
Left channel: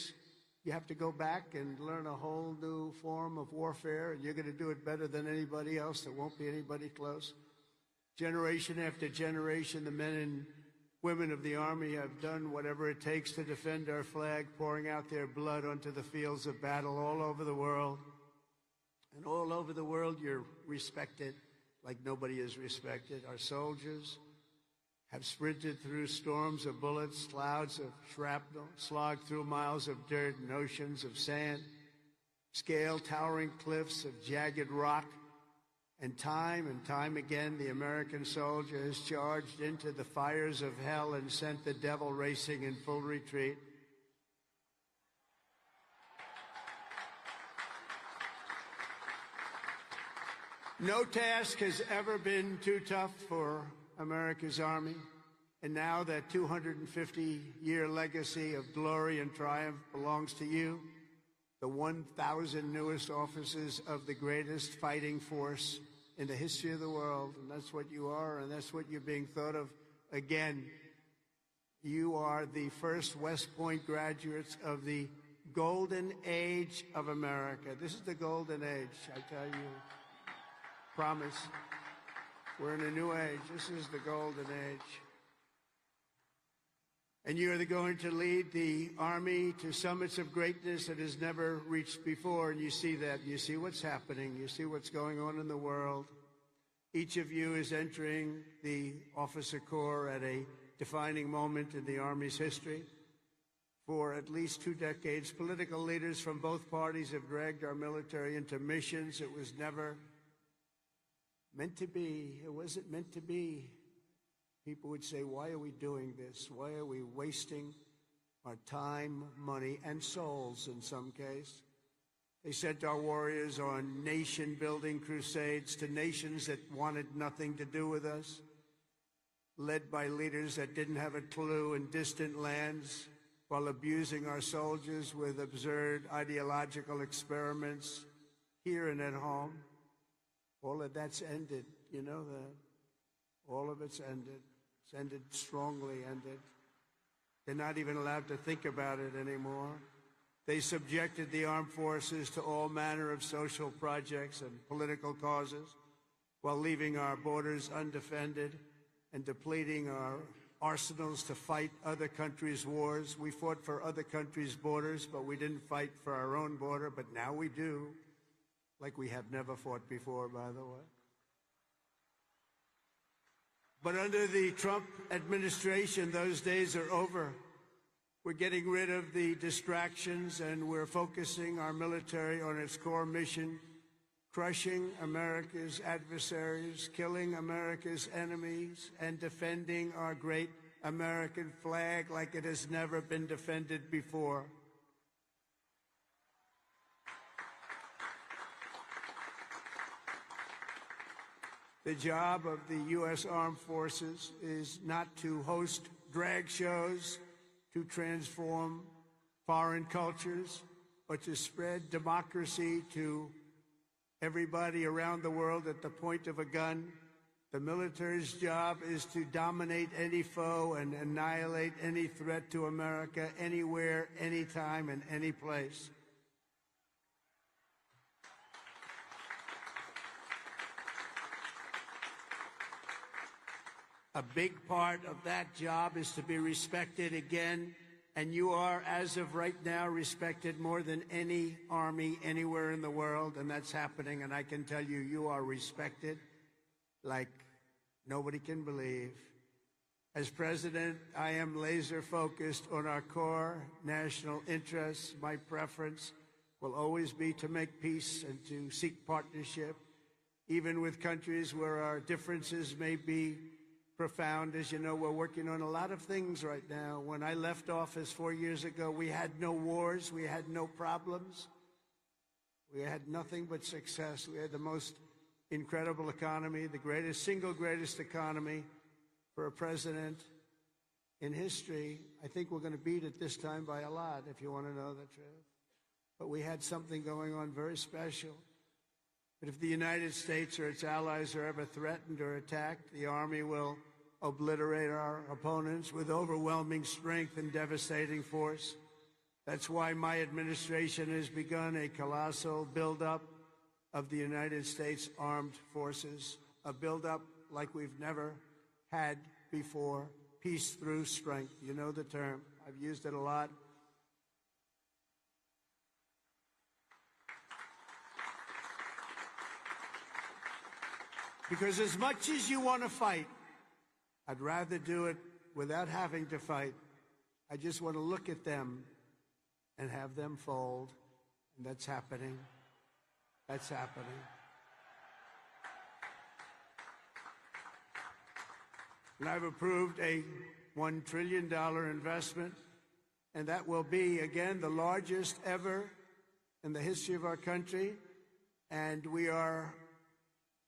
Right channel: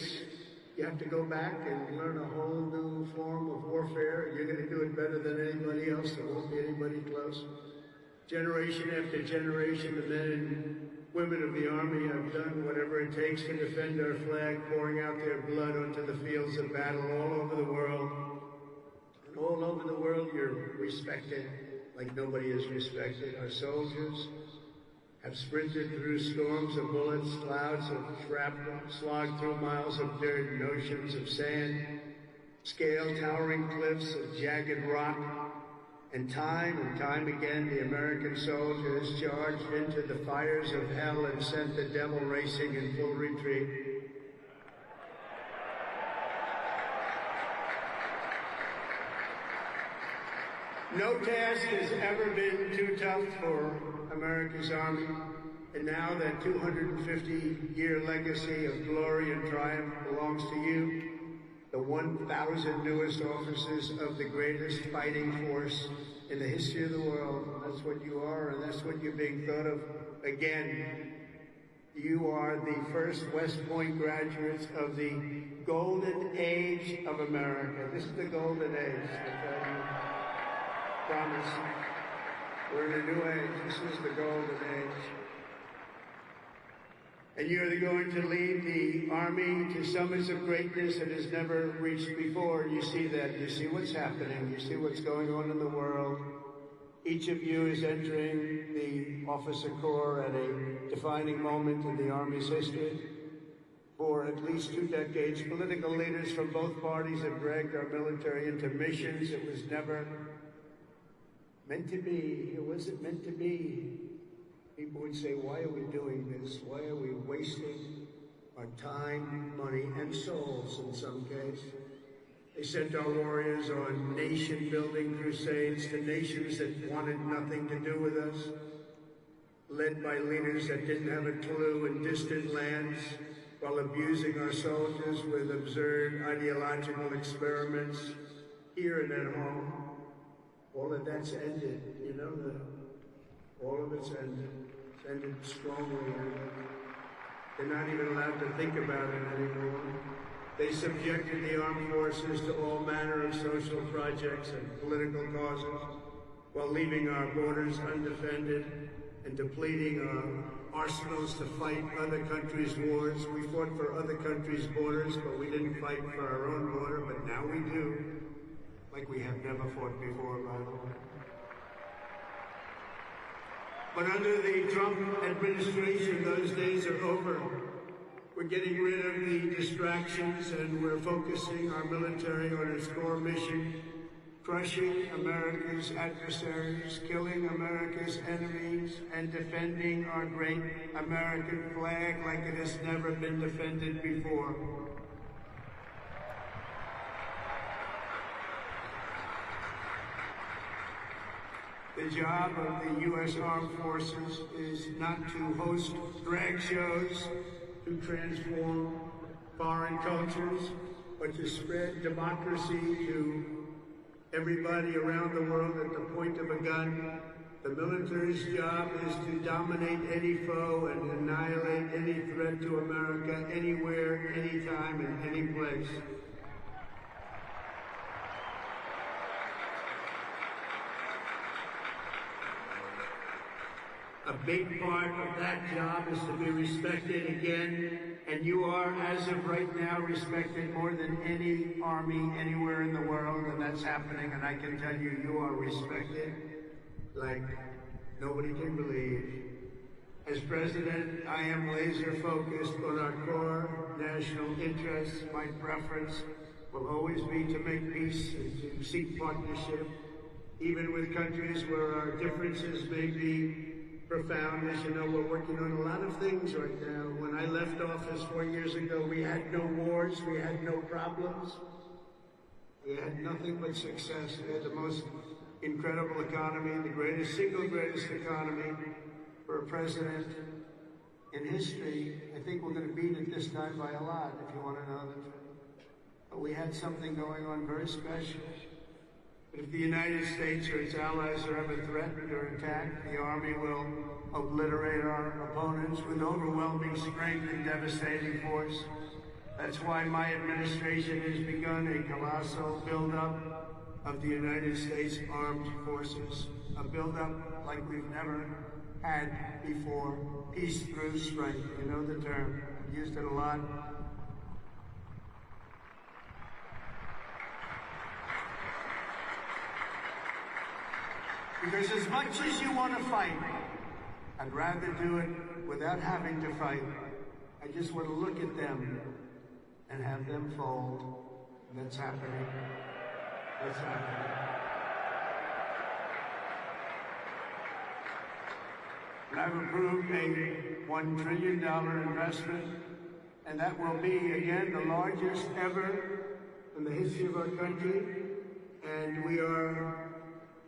you have to go back and learn a whole new form of warfare. You're going to do it better than anybody else. There won't be anybody close. Generation after generation, men and women of the Army have done whatever it takes to defend our flag, pouring out their blood to the fields of battle all over the world. And all over the world, you're respected like nobody is respected. Our soldiers have sprinted through storms of bullets, clouds of shrapnel, slogged through miles of dirt and oceans of sand, scaled towering cliffs of jagged rock. And time again, the American soldiers charged into the fires of hell and sent the devil racing in full retreat. No task has ever been too tough for America's Army, and now that 250-year legacy of glory and triumph belongs to you. The 1,000 newest officers of the greatest fighting force in the history of the world. That's what you are. That's what you're being thought of. Again, you are the first West Point graduates of the golden age of America. This is the golden age. Promise. We're the new age. This is the golden age. And you're going to lead the Army to summits of greatness that has never reached before. You see that. You see what's happening. You see what's going on in the world. Each of you is entering the officer corps at a defining moment in the Army's history. For at least 2 decades, political leaders from both parties have dragged our military into missions it was never meant to be. It wasn't meant to be. People would say, why are we doing this? Why are we wasting our time, money, and souls in some cases? They sent our warriors on nation-building crusades to nations that wanted nothing to do with us, led by leaders that didn't have a clue in distant lands, while abusing our soldiers with absurd ideological experiments here and at home. All of that's ended, you know, all of it's ended strongly. They're not even allowed to think about it anymore. They subjected the armed forces to all manner of social projects and political causes, while leaving our borders undefended and depleting our arsenals to fight other countries' wars. We fought for other countries' borders, but we didn't fight for our own border, but now we do, like we have never fought before. But under the Trump administration, those days are over. We're getting rid of the distractions and we're focusing our military on its core mission, crushing America's adversaries, killing America's enemies, and defending our great American flag like it has never been defended before. The job of the U.S. Armed Forces is not to host drag shows, to transform foreign cultures, but to spread democracy to everybody around the world at the point of a gun. The military's job is to dominate any foe and annihilate any threat to America anywhere, anytime, and any place. A big part of that job is to be respected again, and you are, as of right now, respected more than any army anywhere in the world, and that's happening, and I can tell you, you are respected like nobody can believe. As president, I am laser focused on our core national interests. My preference will always be to make peace and to seek partnership, even with countries where our differences may be profound. As you know, we're working on a lot of things right now. When I left office 4 years ago, we had no wars, we had no problems. We had nothing but success. We had the most incredible economy, the single greatest economy for a president in history. I think we're going to beat it this time by a lot, if you want to know. But we had something going on very special. But if the United States or its allies are ever threatened or attacked, the Army will obliterate our opponents with overwhelming strength and devastating force. That's why my administration has begun a colossal buildup of the United States Armed Forces. A buildup like we've never had before. Peace through strength. You know the term. I've used it a lot. Because as much as you want to fight, I'd rather do it without having to fight. I just want to look at them and have them fold. That's happening. That's happening. And I approved a $1 trillion investment, and that will be, again, the largest ever in the history of our country. And we are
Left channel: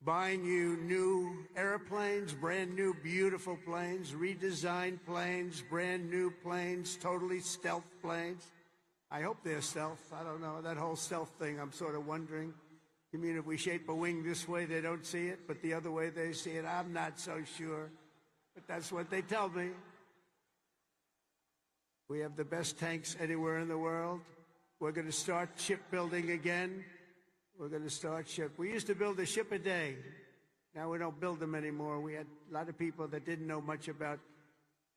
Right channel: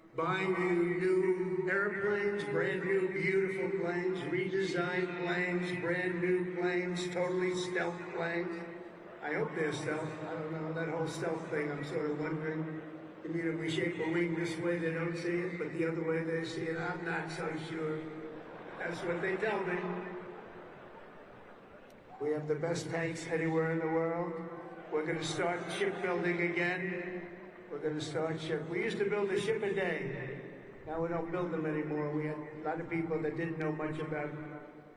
buying you new airplanes, brand new beautiful planes, redesigned planes, brand new planes, totally stealth planes. I hope they're stealth. That whole stealth thing, I'm sort of wondering. You mean if we shape a wing this way, they don't see it, but the other way they see it? I'm not so sure. That's what they tell me. We have the best tanks anywhere in the world. We're going to start shipbuilding again. We're going to start ship. We used to build a ship a day. Now we don't build them anymore. We had a lot of people that didn't know much about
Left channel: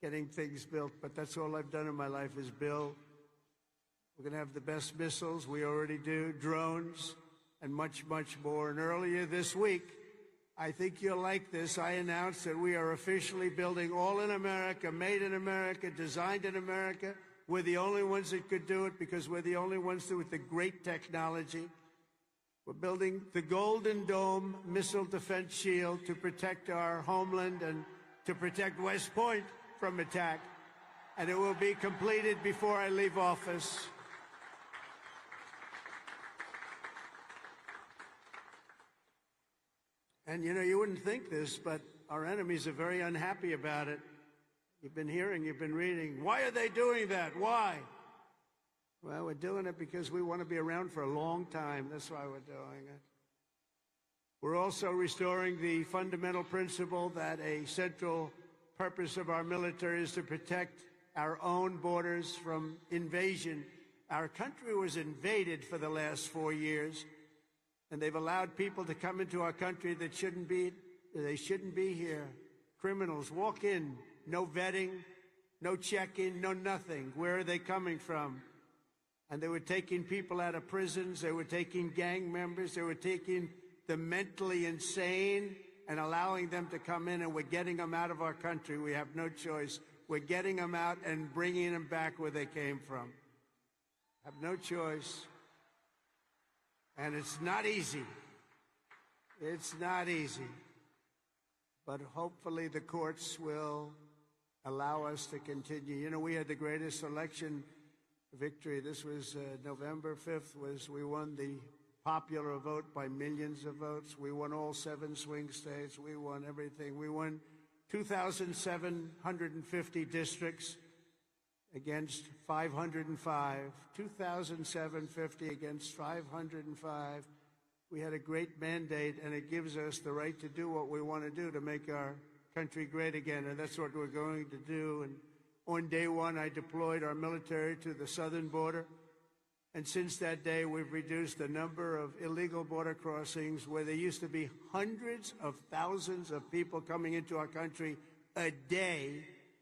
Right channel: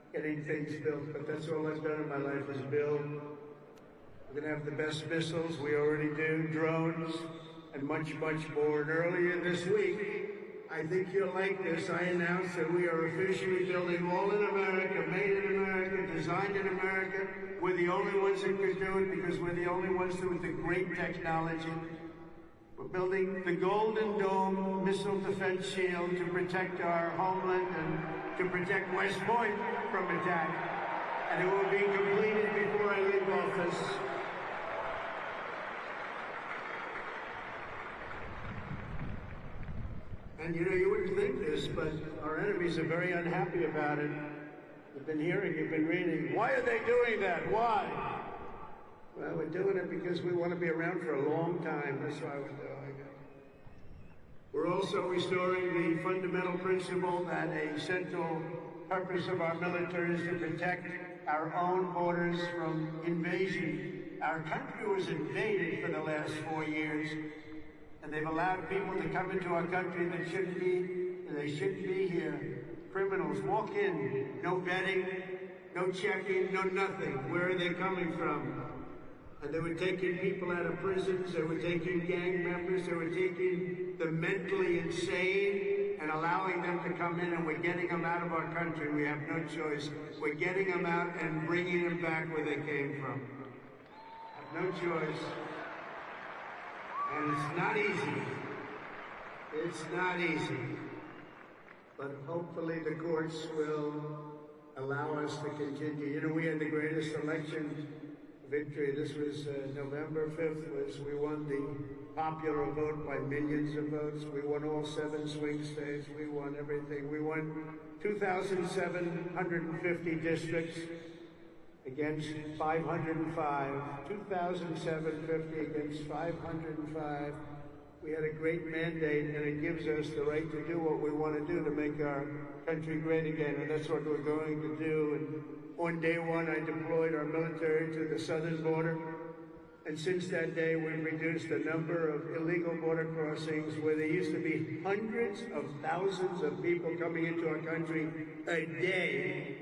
getting things built, but that's all I've done in my life is build. We're going to have the best missiles. We already do drones and much more. Early this week, I think you'll like this. I announced that we are officially building all in America, made in America, designed in America. We're the only ones that can do it because we're the only ones with the great technology. We're building the Golden Dome missile defense shield to protect our homeland and to protect West Point from attack. And it will be completed before I leave office. restoring the fundamental principle that a central purpose of our military is to protect our own borders from invasion. Our country was invaded for the last 4 years, and they've allowed people to come into our country that they shouldn't be here. Criminals walk in, no vetting, no checking, no nothing. Where are they coming from? And they were taking people out of prisons, they were taking gang members, they were taking the mentally insane and allowing them to come in, and we're getting them out of our country. We have no choice. We're getting them out and bringing them back where they came from. No choice. And it's not easy. It's not easy. But hopefully the courts will allow us to continue. You know, we had the greatest election victory. This was November 5th. As we won the popular vote by millions of votes. We won all 7 swing states. We won everything. We won 2,750 districts against 505. 2,750 against 505. We had a great mandate, and it gives us the right to do what we want to do to make our country great again, and that's what we're going to do. And on day one, I deployed our military to the southern border, and since that day, we've reduced the number of illegal border crossings, where there used to be hundreds of thousands of people coming into our country a day.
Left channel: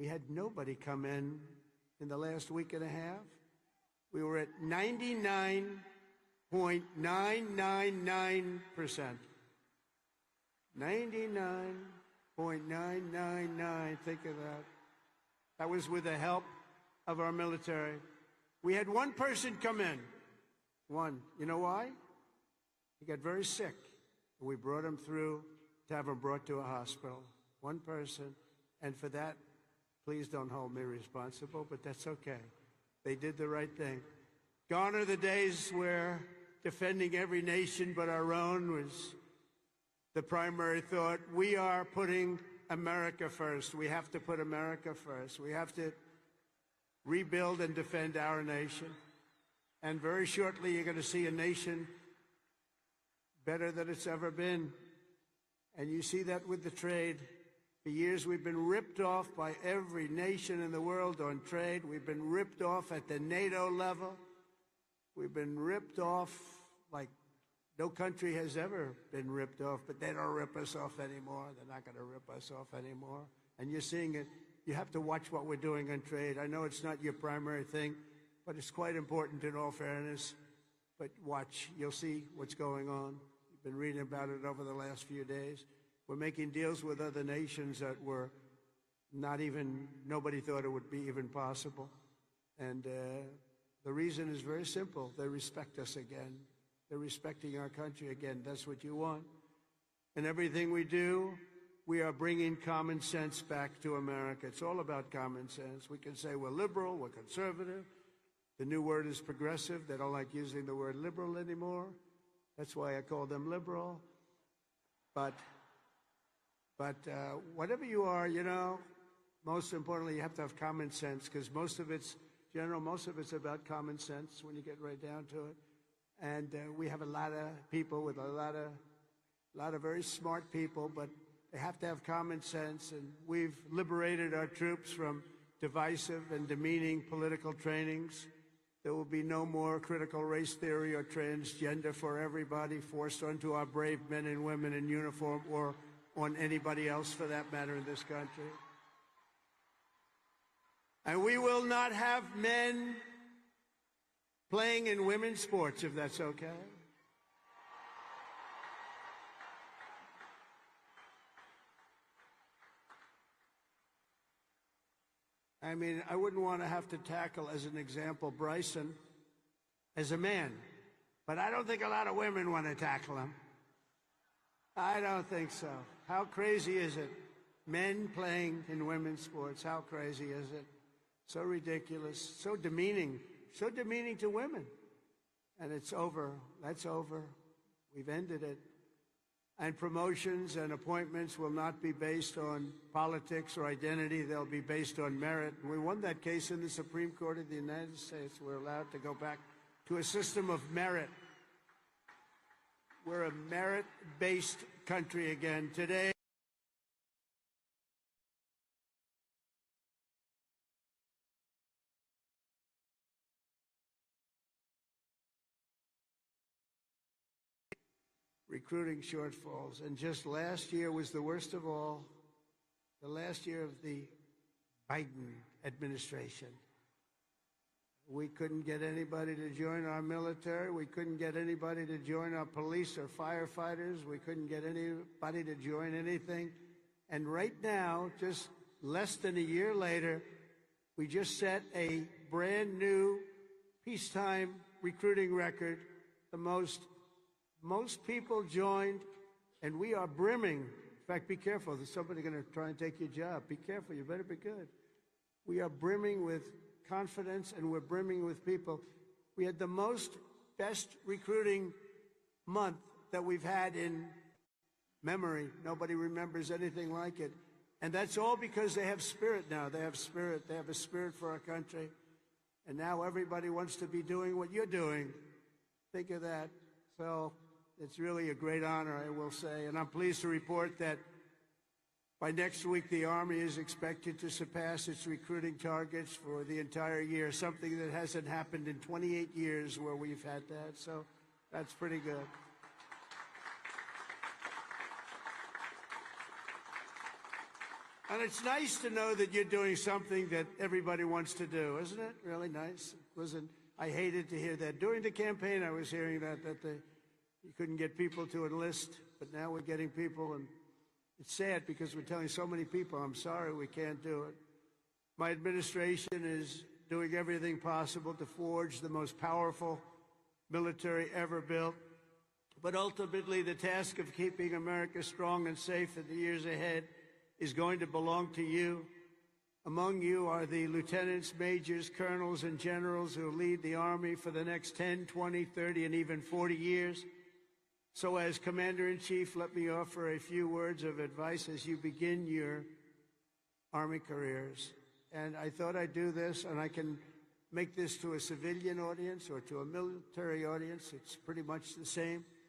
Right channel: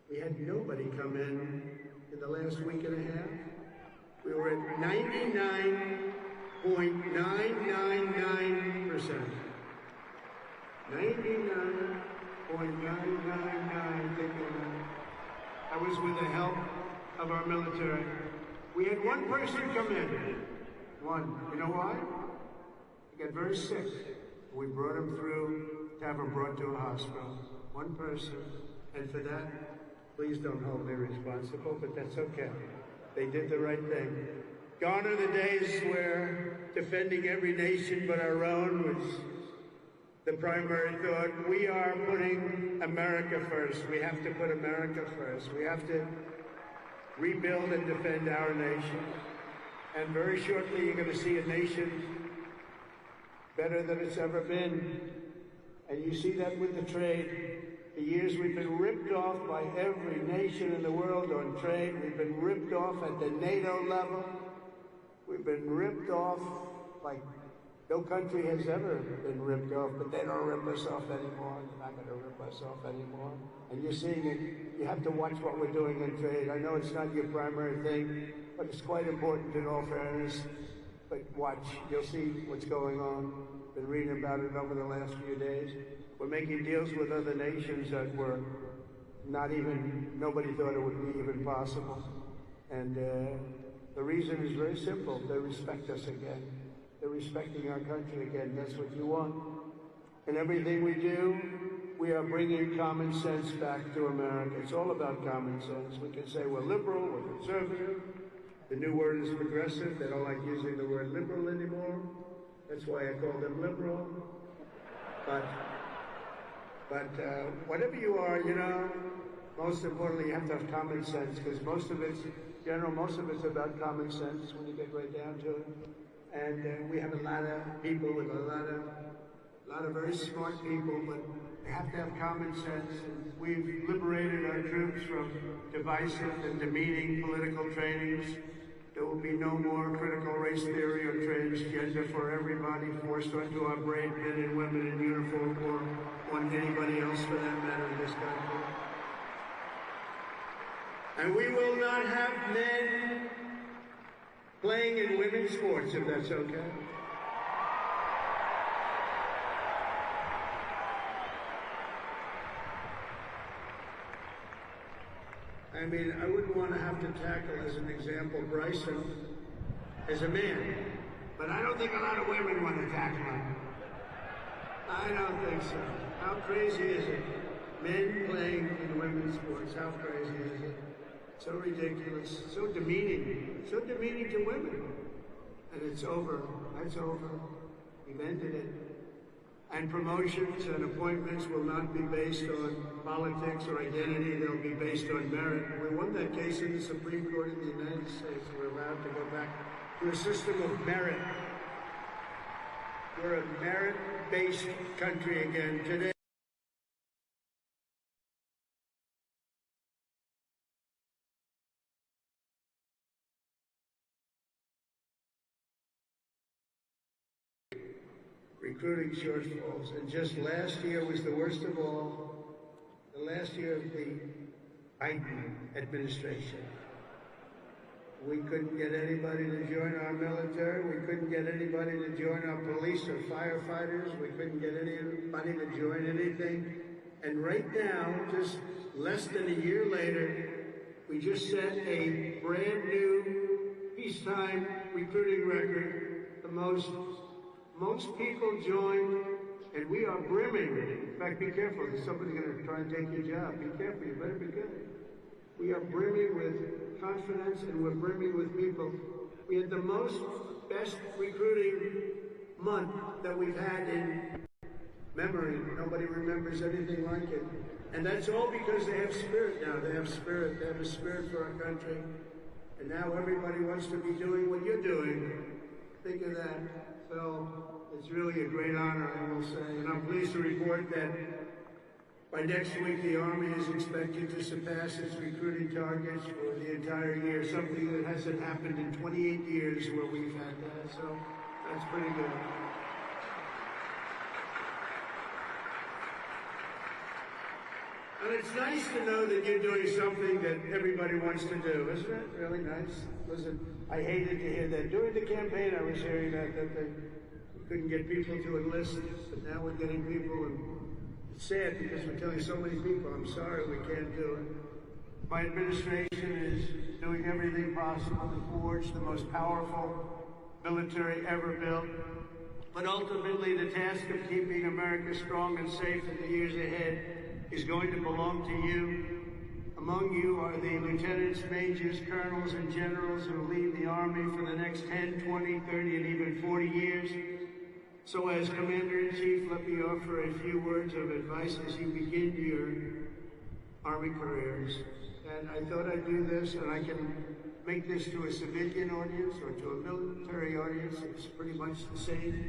We had nobody come in the last week and a half. We were at 99.999%. 99.999. That was with the help of our military. We had one person come in. One. You know why? He got very sick. We brought him through to have him brought to a hospital. One person. And for that, please don't hold me responsible, but that's okay. They did the right thing. Gone are the days where defending every nation but our own was the primary thought. We are putting America first. We have to put America first. We have to rebuild and defend our nation. And very shortly you're going to see a nation better than it's ever been. And you see that with the trade. For years we've been ripped off by every nation in the world on trade. We've been ripped off at the NATO level. We've been ripped off like no country has ever been ripped off. They don't rip us off anymore. They're not going to rip us off anymore. And you're seeing it. You have to watch what we're doing in trade. I know it's not your primary thing, but it's quite important in all fairness. But watch, you'll see what's going on. Been reading about it over the last few days. We're making deals with other nations that were nobody thought it would be even possible. And the reason is very simple. They respect us again. They're respecting our country again. That's what we want. And everything we do, we are bringing common sense back to America. It's all about common sense. We can say we're liberal, we're conservative. The new word is progressive. They don't like using the word liberal anymore. That's why I call them liberal. But whatever you are, you know, most importantly, you have to have common sense, because most of it's about common sense when you get right down to it. And we have a lot of people with a lot of very smart people, but they have to have common sense. And we've liberated our troops from divisive and demeaning political trains. There will be no more critical race theory or transgender for everybody forced onto our brave men and women in uniform or on anybody else for that matter in this country. And we will not have men playing in women's sports, if that's okay. I mean, I wouldn't want to have to tackle, as an example, Bryson as a man. But I don't think a lot of women want to tackle him. I don't think so. How crazy is it? Men playing in women's sports, how crazy is it? So ridiculous, so demeaning to women. And it's over. That's over. We've ended it. And promotions and appointments will not be based on politics or identity. They'll be based on merit. We won that case in the Supreme Court of the United States. We're allowed to go back to a system of merit. We're a merit-based country again today. Recruiting shortfalls. Just last year was the worst of all. The last year of the Biden administration. We couldn't get anybody to join our military. We couldn't get anybody to join our police or firefighters. We couldn't get anybody to join anything. And right now, just less than a year later, we just set a brand new peacetime recruiting record. The most people joined, and we are brimming. In fact, be careful. There's somebody going to try to take your job. Be careful. We are brimming with confidence, and we're brimming with people. We had the best recruiting month that we've had in memory. Nobody remembers anything like it. And that's all because they have spirit now. They have spirit. They have spirit for our country. And now everybody wants to be doing what you're doing. Think of that. So it's really a great honor, I will say. And I'm pleased to report that by next week, the Army is expected to surpass its recruiting targets for the entire year, something that hasn't happened in 28 years where we've had that. So that's pretty good. And it's nice to know that you're doing something that everybody wants to do, isn't it? Really nice. Listen, I hated to hear that. During the campaign, I was hearing that they couldn't get people to enlist. Now we're getting people. It's sad because we're telling so many people, I'm sorry, we can't do it. My administration is doing everything possible to forge the most powerful military ever built. But ultimately, the task of keeping America strong and safe for years ahead is going to belong to you. Among you are the lieutenants, majors, colonels, and generals who will lead the Army for the next 10, 20, 30, and even 40 years. So as Commander-in-Chief, let me offer a few words of advice as you begin your Army careers. And I thought I'd do this, and I can make this to a civilian audience or to a military audience. It's pretty much the same.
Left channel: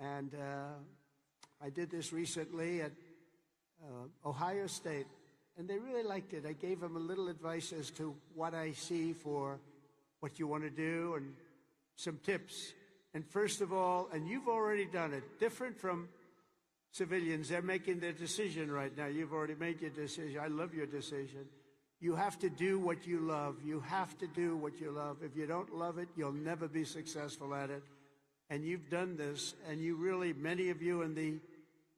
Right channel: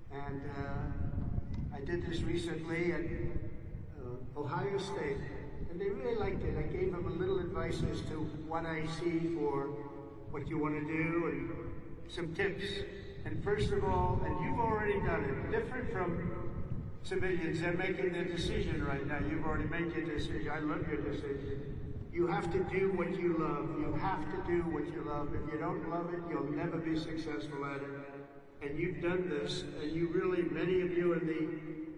And I did this recently at Ohio State, and they really liked it. I gave them a little advice as to what I see for what you want to do, and some tips. And first of all, and you've already done it, different from civilians that are making the decision right now. You've already made the decision. I love your decision. You have to do what you love. You have to do what you love. If you don't love it, you'll never be successful at it. And you've done this, and you really, many of you in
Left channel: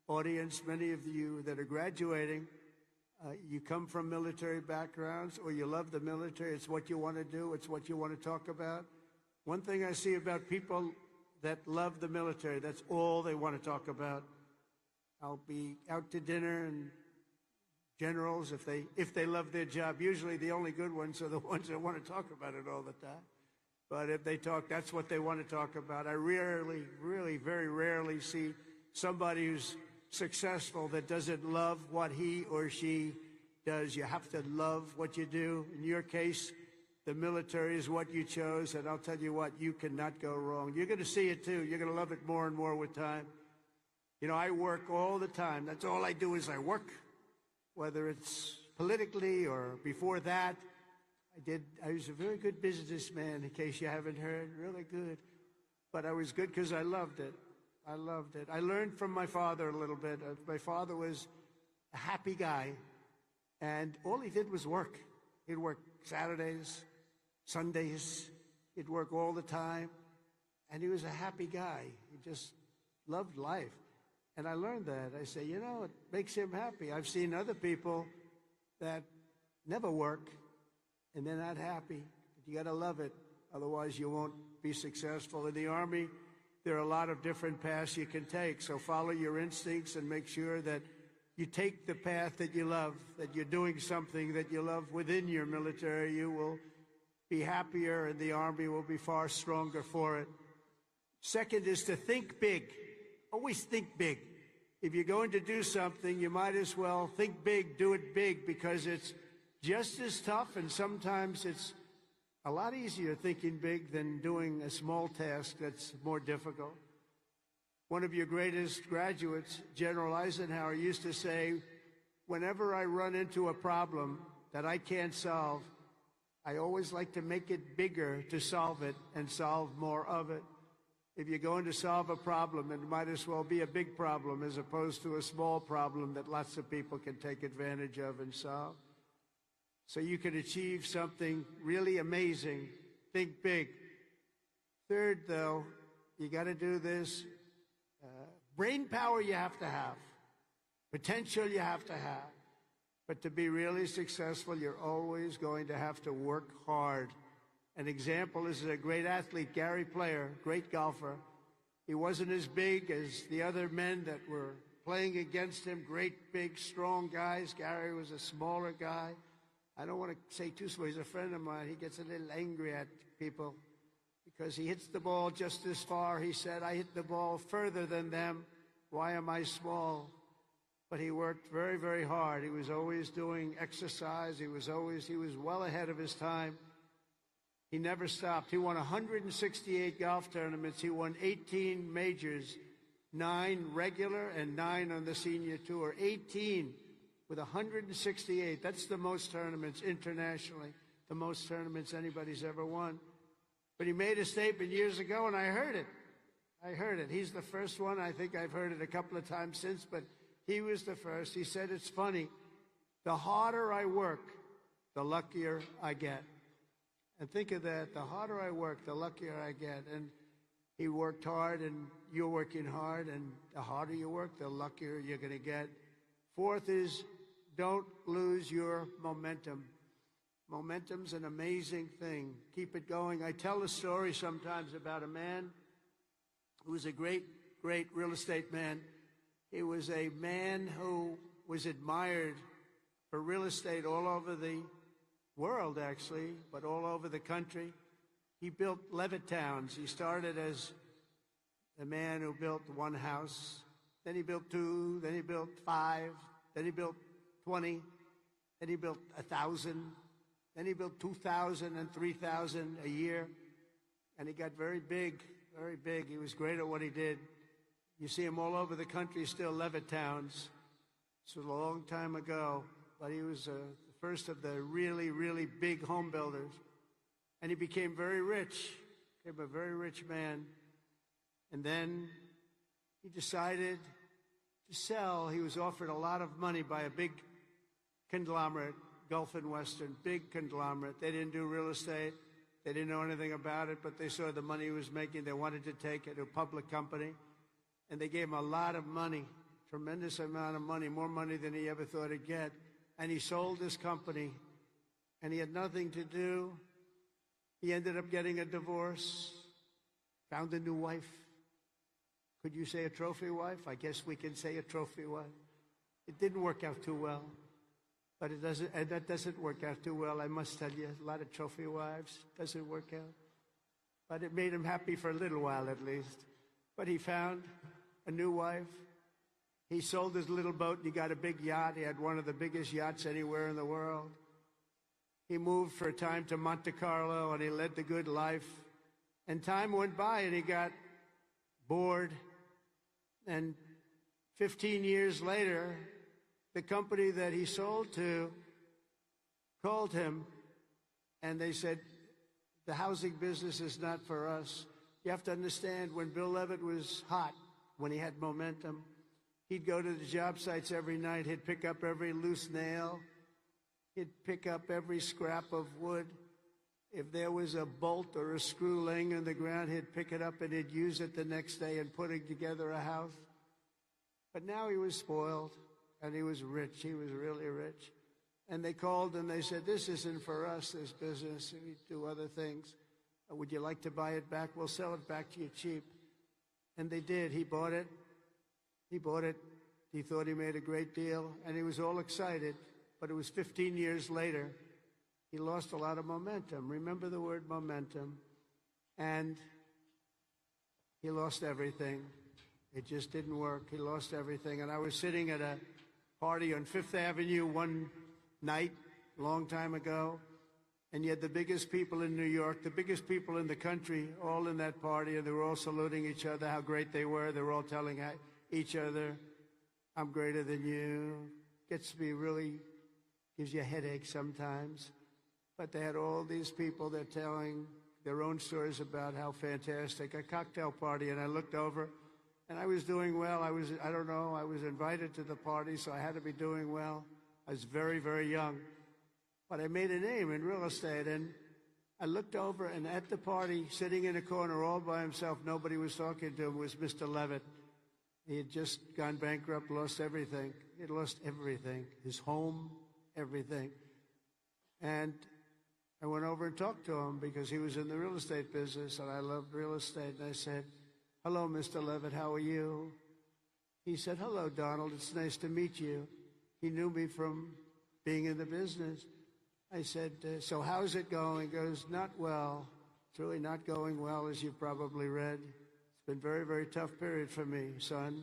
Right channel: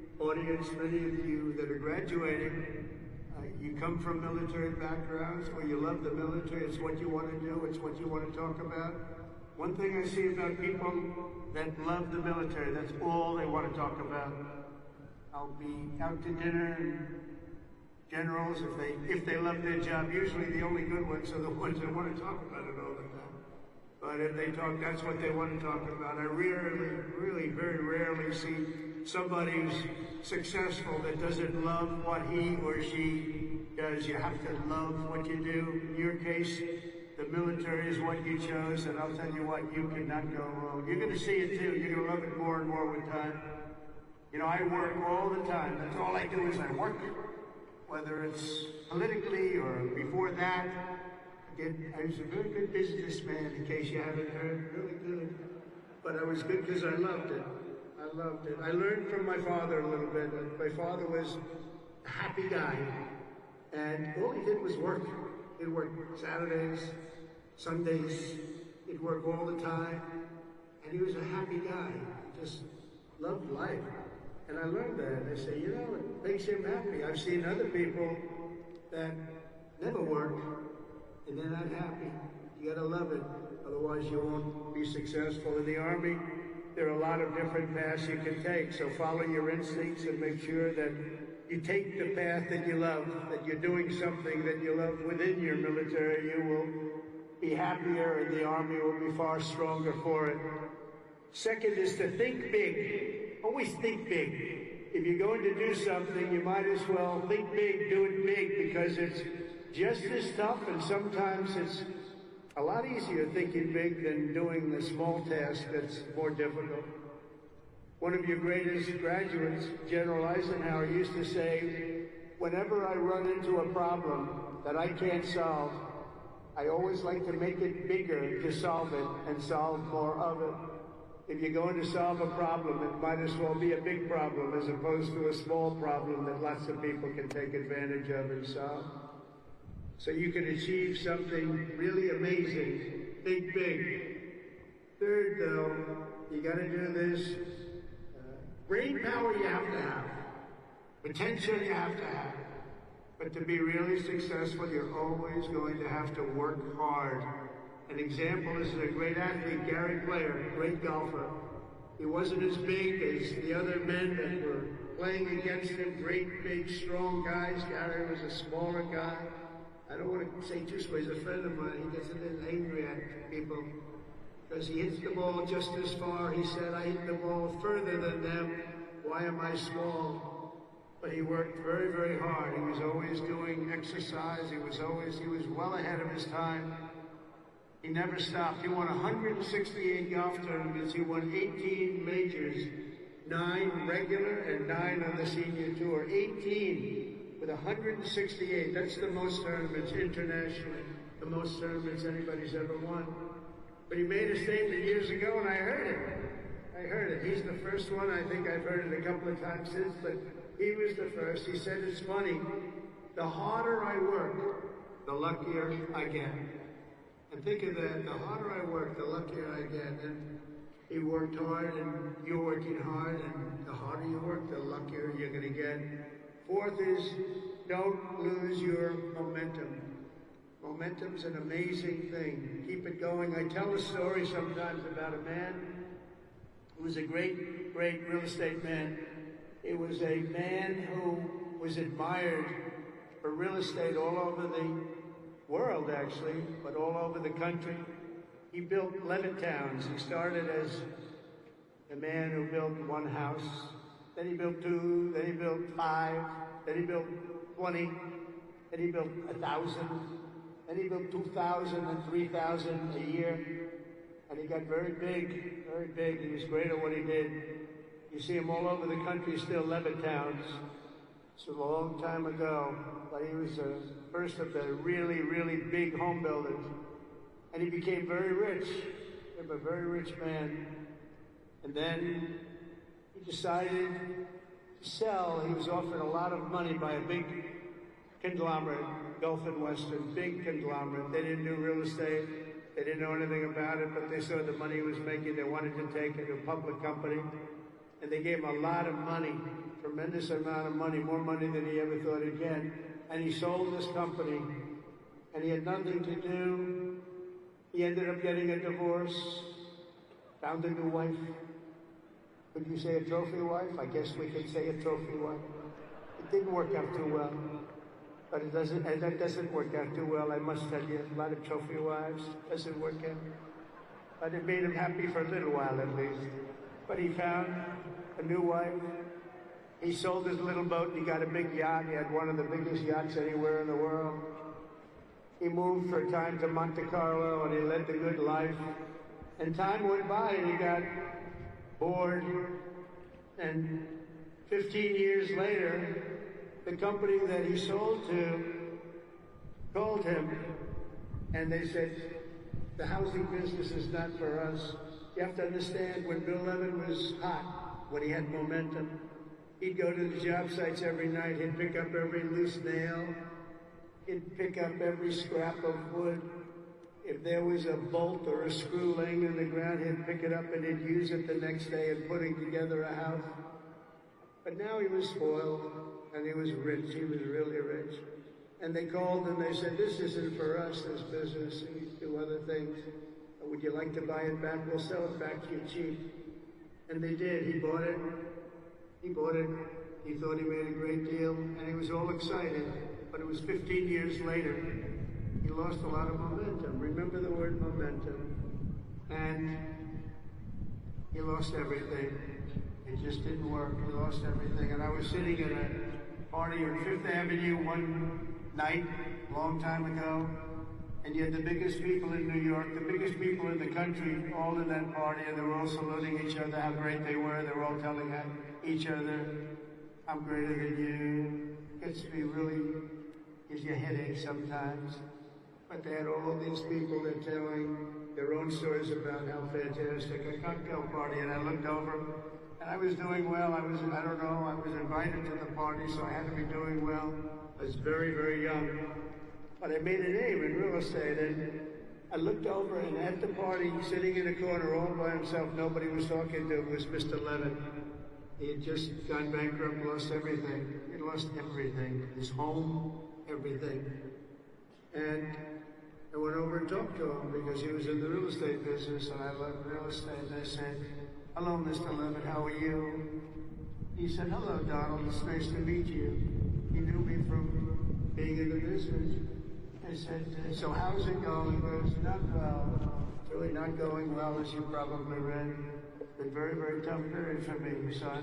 the audience, many of you that have graduated, you come from military backgrounds where you love the military. It's what you want to do. It's what you want to talk about. One thing I see about people that love the military, that's all they want to talk about. I'll be out to dinner, generals, if they love their job, usually the only good ones are the ones who want to talk about it all the time. But if they talk, that's what they want to talk about. I really, very rarely see somebody who's successful that doesn't love what he or she does. You have to love what you do. In your case, the military is what you chose, and I'll tell you what, you cannot go wrong. You're going to see it too. You're going to love it more and more with time. You know, I work all the time. That's all I do is I work. Whether it's politically or before that, I was a very good businessman, in case you haven't heard. Really good. But I was good because I loved it. I loved it. I learned from my father a little bit. My father was a happy guy, and all he did was work. He'd work Saturdays, Sundays, he'd work all the time, and he was a happy guy, just loved life. And I learned that. I said, you know, it makes him happy. I've seen other people that never work, and they're not happy. You gotta love it, otherwise you won't be successful in the Army. There are a lot of different paths you can take, so follow your instincts and make sure that you take the path that you love, that you're doing something that you love within your military. You will be happier, the Army will be far stronger for it. Second is to think big. Always think big. If you're going to do something, you might as well think big, do it big, because it's just as tough, and sometimes it's a lot easier thinking big than doing a small task that's more difficult. One of your greatest graduates, General Eisenhower, used to say, whenever I run into a problem that I can't solve, I always like to make it bigger to solve it and solve more of it. If you're going to solve a problem, it might as well be a big problem as opposed to a small problem that lots of people can take advantage of and solve. So you can achieve something really amazing. Think big. Third, though, you got to do this. Brain power you have to have. Potential you have to have. But to be really successful, you're always going to have to work hard. An example is a great athlete, Gary Player, great golfer. He wasn't as big as the other men that were playing against him, great, big, strong guys. Gary was a smaller guy. I don't want to take this way. This friend of mine gets a little angry at people because he hits the ball just as far. He said, I hit the ball further than them. Why am I small? But he worked very, very hard. He was always doing exercise. He was well ahead of his time. He never stopped. He won 168 golf tournaments. He won 18 majors, 9 regular and 9 on the senior tour. 18 with 168. That's the most tournaments internationally. The most tournaments anybody's ever won. But he made a statement years ago, and I heard it. He's the first one. I think I've heard it a couple of times since, but he was the first. He said, it's funny. The harder I work, the luckier I get. And think of that, the harder I work, the luckier I get. He worked hard, and you're working hard, and the harder you work, the luckier you're going to get. Fourth is, don't lose your momentum. Momentum is an amazing thing. Keep it going. I tell a story sometimes about a man who was a great, great real estate man. It was a man who was admired for real estate all over the world, actually, but all over the country. He built 11 towns. He started as a man who built one house, then he built 2, then he built 5, then he built 20, then he built 1,000, then he built 2,000 and 3,000 a year, and he got very big, very big. He was great at what he did. You see him all over the country, still 11 towns. This was a long time ago. He was the first of the really, really big home builders. And he became very rich. He was a very rich man. And then he decided to sell. He was offered a lot of money by a big conglomerate, Gulf and Western, big conglomerate. They didn't do real estate. They didn't know anything about it, but they saw the money he was making. They wanted to take a public company. And they gave him a lot of money, tremendous amount of money, more money than he ever thought he'd get. And he sold his company, and he had nothing to do. He ended up getting a divorce, found a new wife. Could you say a trophy wife? I guess we could say a trophy wife. It didn't work out too well. But it doesn't work out too well. I must tell you, a lot of trophy wives doesn't work out. But it made him happy for a little while at least. But he found a new wife. He sold his little boat. He got a big yacht. He had one of the biggest yachts anywhere in the world. He moved for a time to Monte Carlo, and he led the good life. And time went by, and he got bored. And 15 years later, the company that he sold to called him, and they said, the housing business is not for us. You have to understand, when Bill Leonard was hot, when he had momentum, he'd go to the job sites every night, he'd pick up every loose nail, he'd pick up every scrap of wood. If there was a bolt or a screw laying in the ground, he'd pick it up and he'd use it the next day, putting together the house. But now he was spoiled, and he was rich, he was really rich. And they called him and they said, this isn't for us, this business, we do other things. Would you like to buy it back? We'll sell it back to you cheap. And they did. He bought it. He thought he made a great deal, and he was all excited. But it was 15 years later. He lost a lot of momentum. Remember the word momentum. And he lost everything. It just didn't work. He lost everything. And I was sitting at a party on Fifth Avenue one night, a long time ago. And yet the biggest people in New York, the biggest people in the country, were all in that party. They were all saluting each other, how great they were. They were all telling each other, I'm greater than you. Gets me really, gives you a headache sometimes. But they had all these people that are telling their own stories about how fantastic a cocktail party. And I looked over, and I was doing well. I was invited to the party, so I had been doing well. I was very, very young. But I made it in real estate. I looked over, and at the party, sitting in the corner all by himself, nobody was talking to him. It was just 11. He had just gone bankrupt, lost everything. He lost everything. His home, everything. And I went over and talked to him because he was in the real estate business. And I love real estate. And I said, hello, Mr. Leonard, how are you? He said, hello, Donald, it's nice to meet you. He knew me from being in the business. I said, so how's it going? He goes, not well. It's really not going well, as you probably read. It's been very, very tough period for me, son.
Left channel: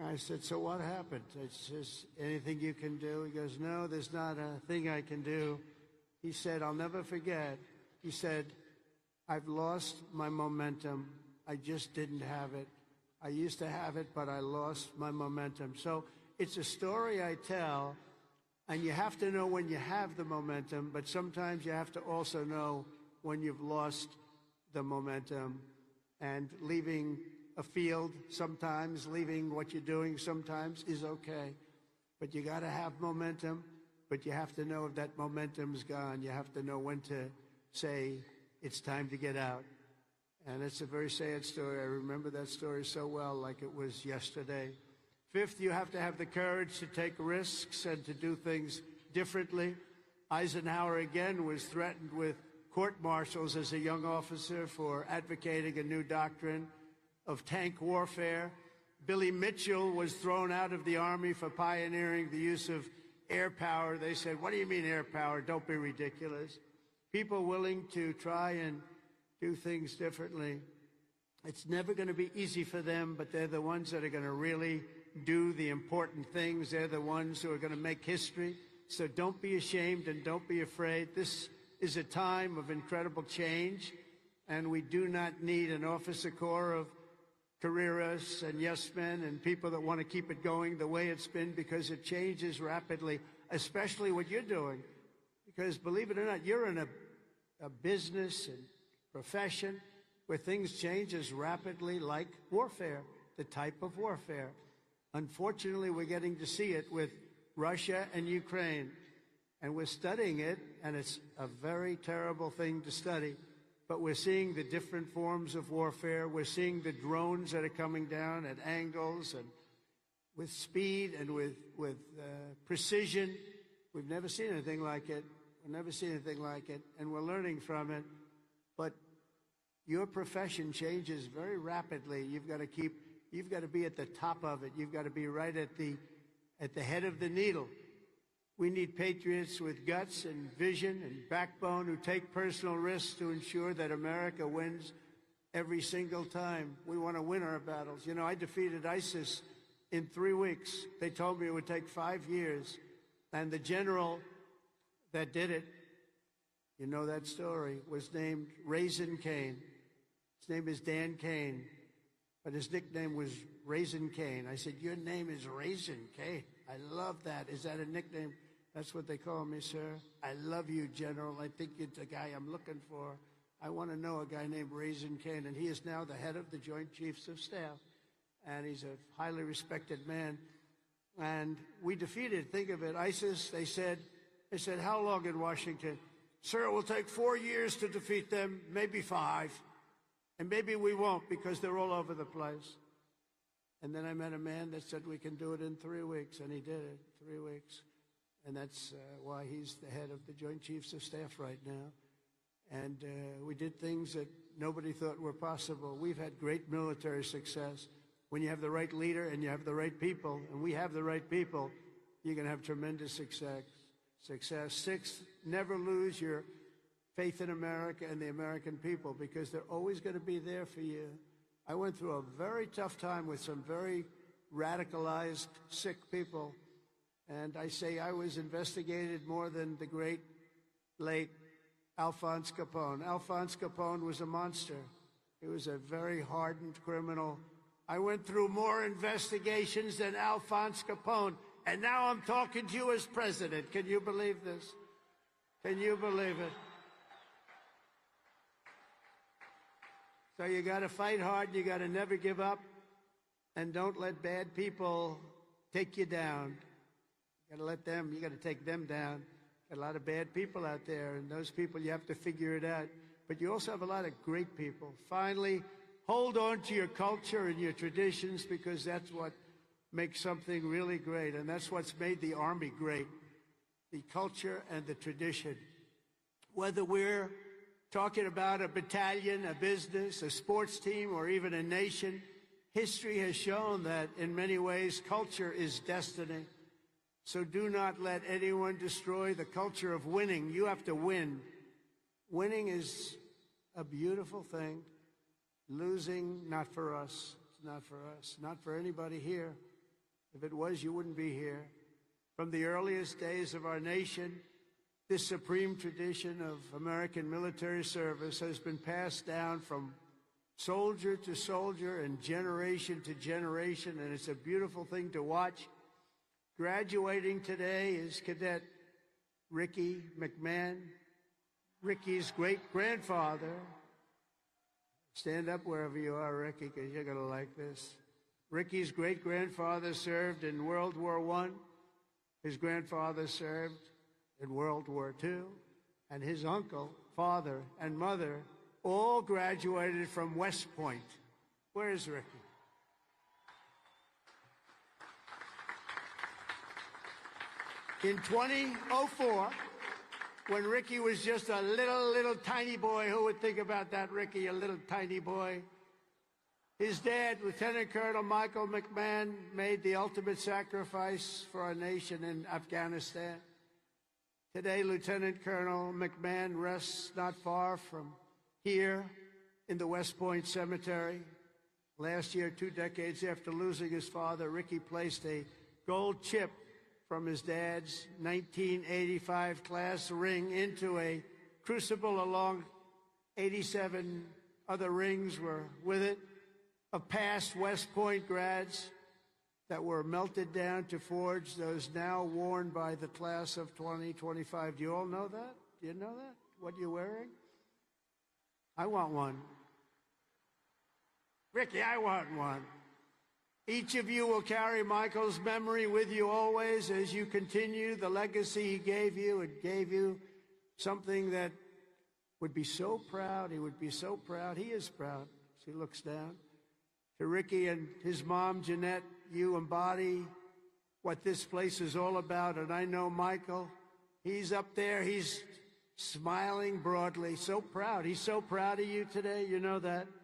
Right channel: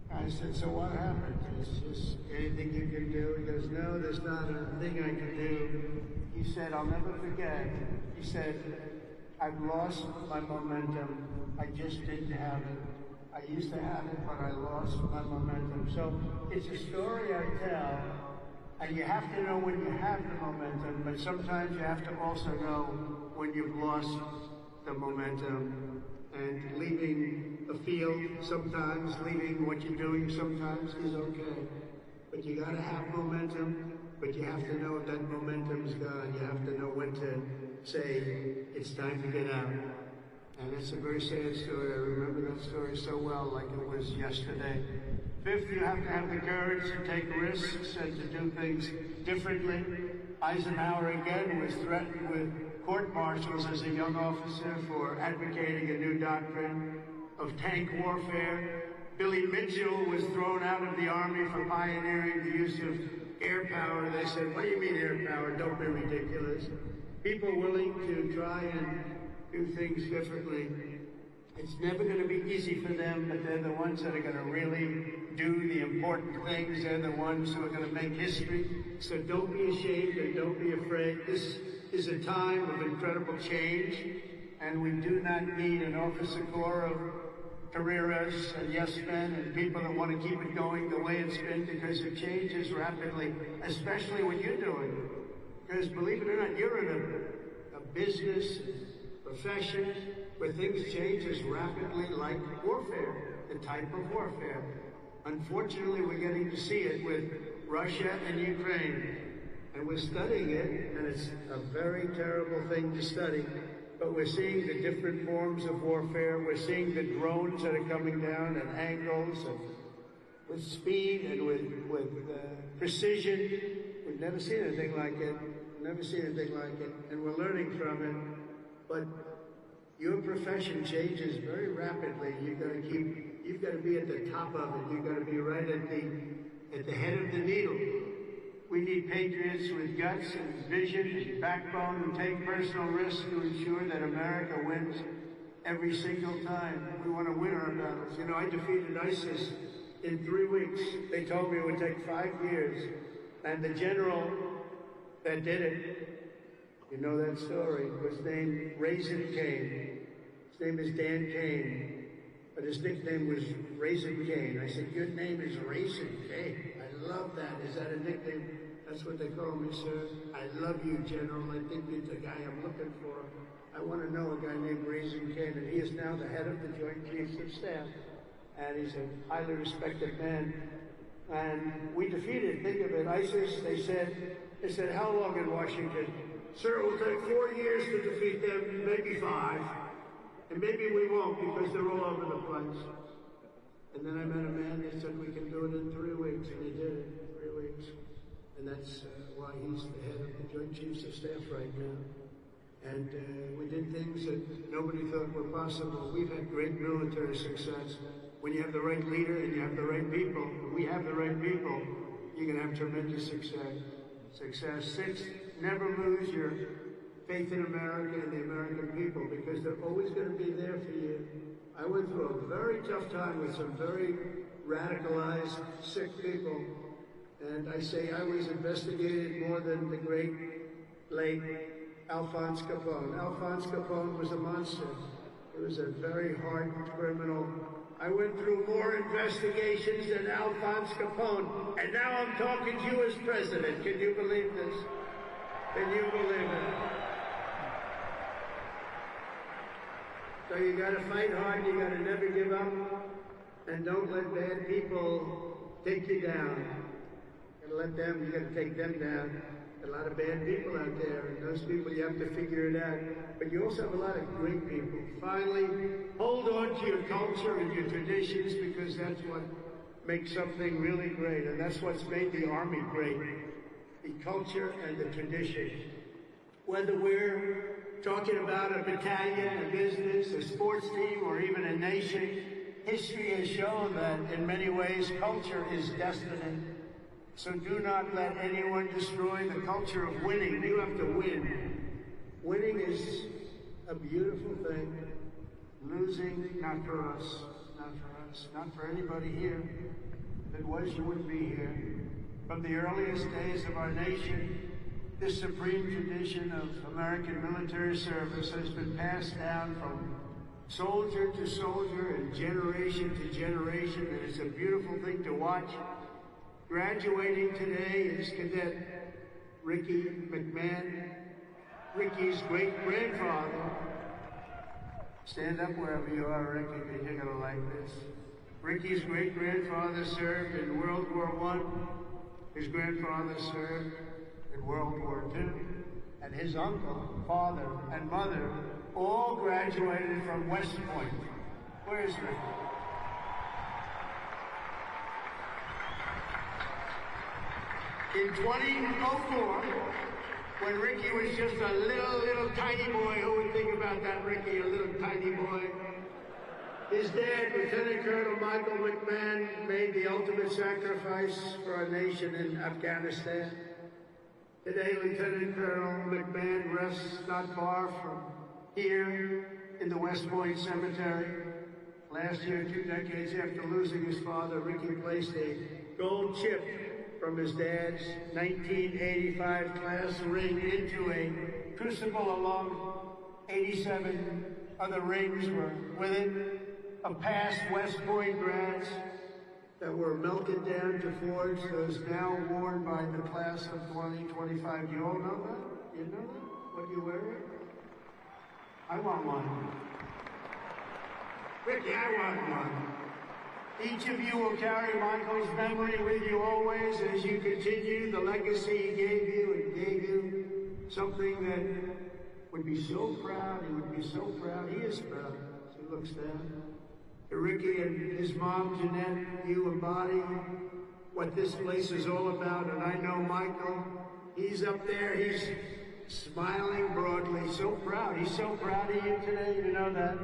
I said, so what happened? Is there anything you can do? He goes, no, there's not a thing I can do. He said, I'll never forget. He said, I've lost my momentum. I just didn't have it. I used to have it, but I lost my momentum. So it's a story I tell. And you have to know when you have the momentum, but sometimes you have to also know when you've lost the momentum. And leaving a field, sometimes leaving what you're doing, sometimes is okay. But you gotta have momentum, but you have to know that momentum is gone. You have to know when to say, it's time to get out. And it's a very sad story. I remember that story so well, like it was yesterday. Fifth, you have to have the courage to take risks and to do things differently. Eisenhower again was threatened with court-martials as a young officer for advocating a new doctrine of tank warfare. Billy Mitchell was thrown out of the Army for pioneering the use of air power. They said, what do you mean air power? Don't be ridiculous. People willing to try and do things differently. It's never going to be easy for them, but they're the ones that are going to really do the important things. They're the ones who are going to make history. So don't be ashamed and don't be afraid. This is a time of incredible change, and we do not need an officer corps of careerists and yes men and people that want to keep it going the way it's been, because it changes rapidly, especially what you're doing. Because believe it or not, you're in a business, profession, where things change as rapidly like warfare, the type of warfare. Unfortunately, we're getting to see it with Russia and Ukraine, and we're studying it, and it's a very terrible thing to study, but we're seeing the different forms of warfare. We're seeing the drones that are coming down at angles, with speed and with precision. We've never seen anything like it, and we're learning from it, but your profession changes very rapidly. You've got to be at the top of it. You've got to be right at the head of the needle. We need patriots with guts and vision and backbone who take personal risks to ensure that America wins every single time. We want to win our battles. You know, I defeated ISIS in 3 weeks. They told me it would take 5 years. And the general that did it, you know that story, was named Raisin Cane. His name is Dan Cane, but his nickname was Raisin Cane. I said, your name is Raisin Cane. I love that. Is that a nickname? That's what they call me, sir. I love you, General. I think you're the guy I'm looking for. I want to know a guy named Raisin Cane. He is now the head of the Joint Chiefs of Staff, and he's a highly respected man. And we defeated, think of it, ISIS. They said, how long in Washington? Sir, it will take 4 years to defeat them, maybe 5. And maybe we won't, because they're all over the place. And then I met a man that said we could do it in 3 weeks, and he did it in 3 weeks. And that's why he's the head of the Joint Chiefs of Staff right now. And we did things that nobody thought were possible. We've had great military success. When you have the right leader and you have the right people, we have the right people, you can have tremendous success. Sixth, never lose your faith in America and the American people, because they're always going to be there for you. I went through a very tough time with some very radicalized, sick people, and I say I was investigated more than the great late Alphonse Capone. Alphonse Capone was a monster. He was a very hardened criminal. I went through more investigations than Alphonse Capone, and now I'm talking to you as president. Can you believe this? Can you believe it? So you gotta fight hard, you gotta never give up, and don't let bad people take you down. You gotta take them down. A lot of bad people out there. Those people, you have to figure it out. But you also have a lot of great people. Finally, hold on to your culture and your traditions, because that's what makes something really great. And that's what's made the Army great. The culture and the tradition. Whether we're talking about a battalion, a business, a sports team, or even a nation, history has shown that in many ways culture is destiny. So do not let anyone destroy the culture of winning. You have to win. Winning is a beautiful thing. Losing, not for us. Not for us. Not for everybody here. If it was, you wouldn't be here. From the earliest days of our nation, this supreme tradition of American military service has been passed down from soldier to soldier and generation to generation. It's a beautiful thing to watch. Graduating today is Cadet Ricky McMahon, Ricky's great-grandfather. Stand up wherever you are, Ricky, you know, like this. Ricky's great-grandfather served in World War I. His grandfather served in World War II. And his uncle, father, and mother all graduated from West Point. Where is Ricky? In 2004, when Ricky was just a little tiny boy, who would think about that, Ricky, a little tiny boy? His dad, Lieutenant Colonel Michael McMahon, made the ultimate sacrifice for our nation in Afghanistan. Today, Lieutenant Colonel McMahon rests not far from here in the West Point Cemetery. Last year, 2 decades after losing his father, Ricky placed a gold chip from his dad's 1985 class ring into a crucible along 87 other rings were with it of past West Point grads that were melted down to forge those now worn by the class of 2025. You all know that? You know what you wear? I want one. Ricky, I want one. Each of you will carry Michael's memory with you always as you continue the legacy he gave you and gave you something that would be so proud, he would be so proud, he is proud. He looks down. To Ricky and his mom, Jeanette, you embody what this place is all about, and I know Michael, he's up there, he's smiling broadly, so proud. He's so proud of you today, you know that.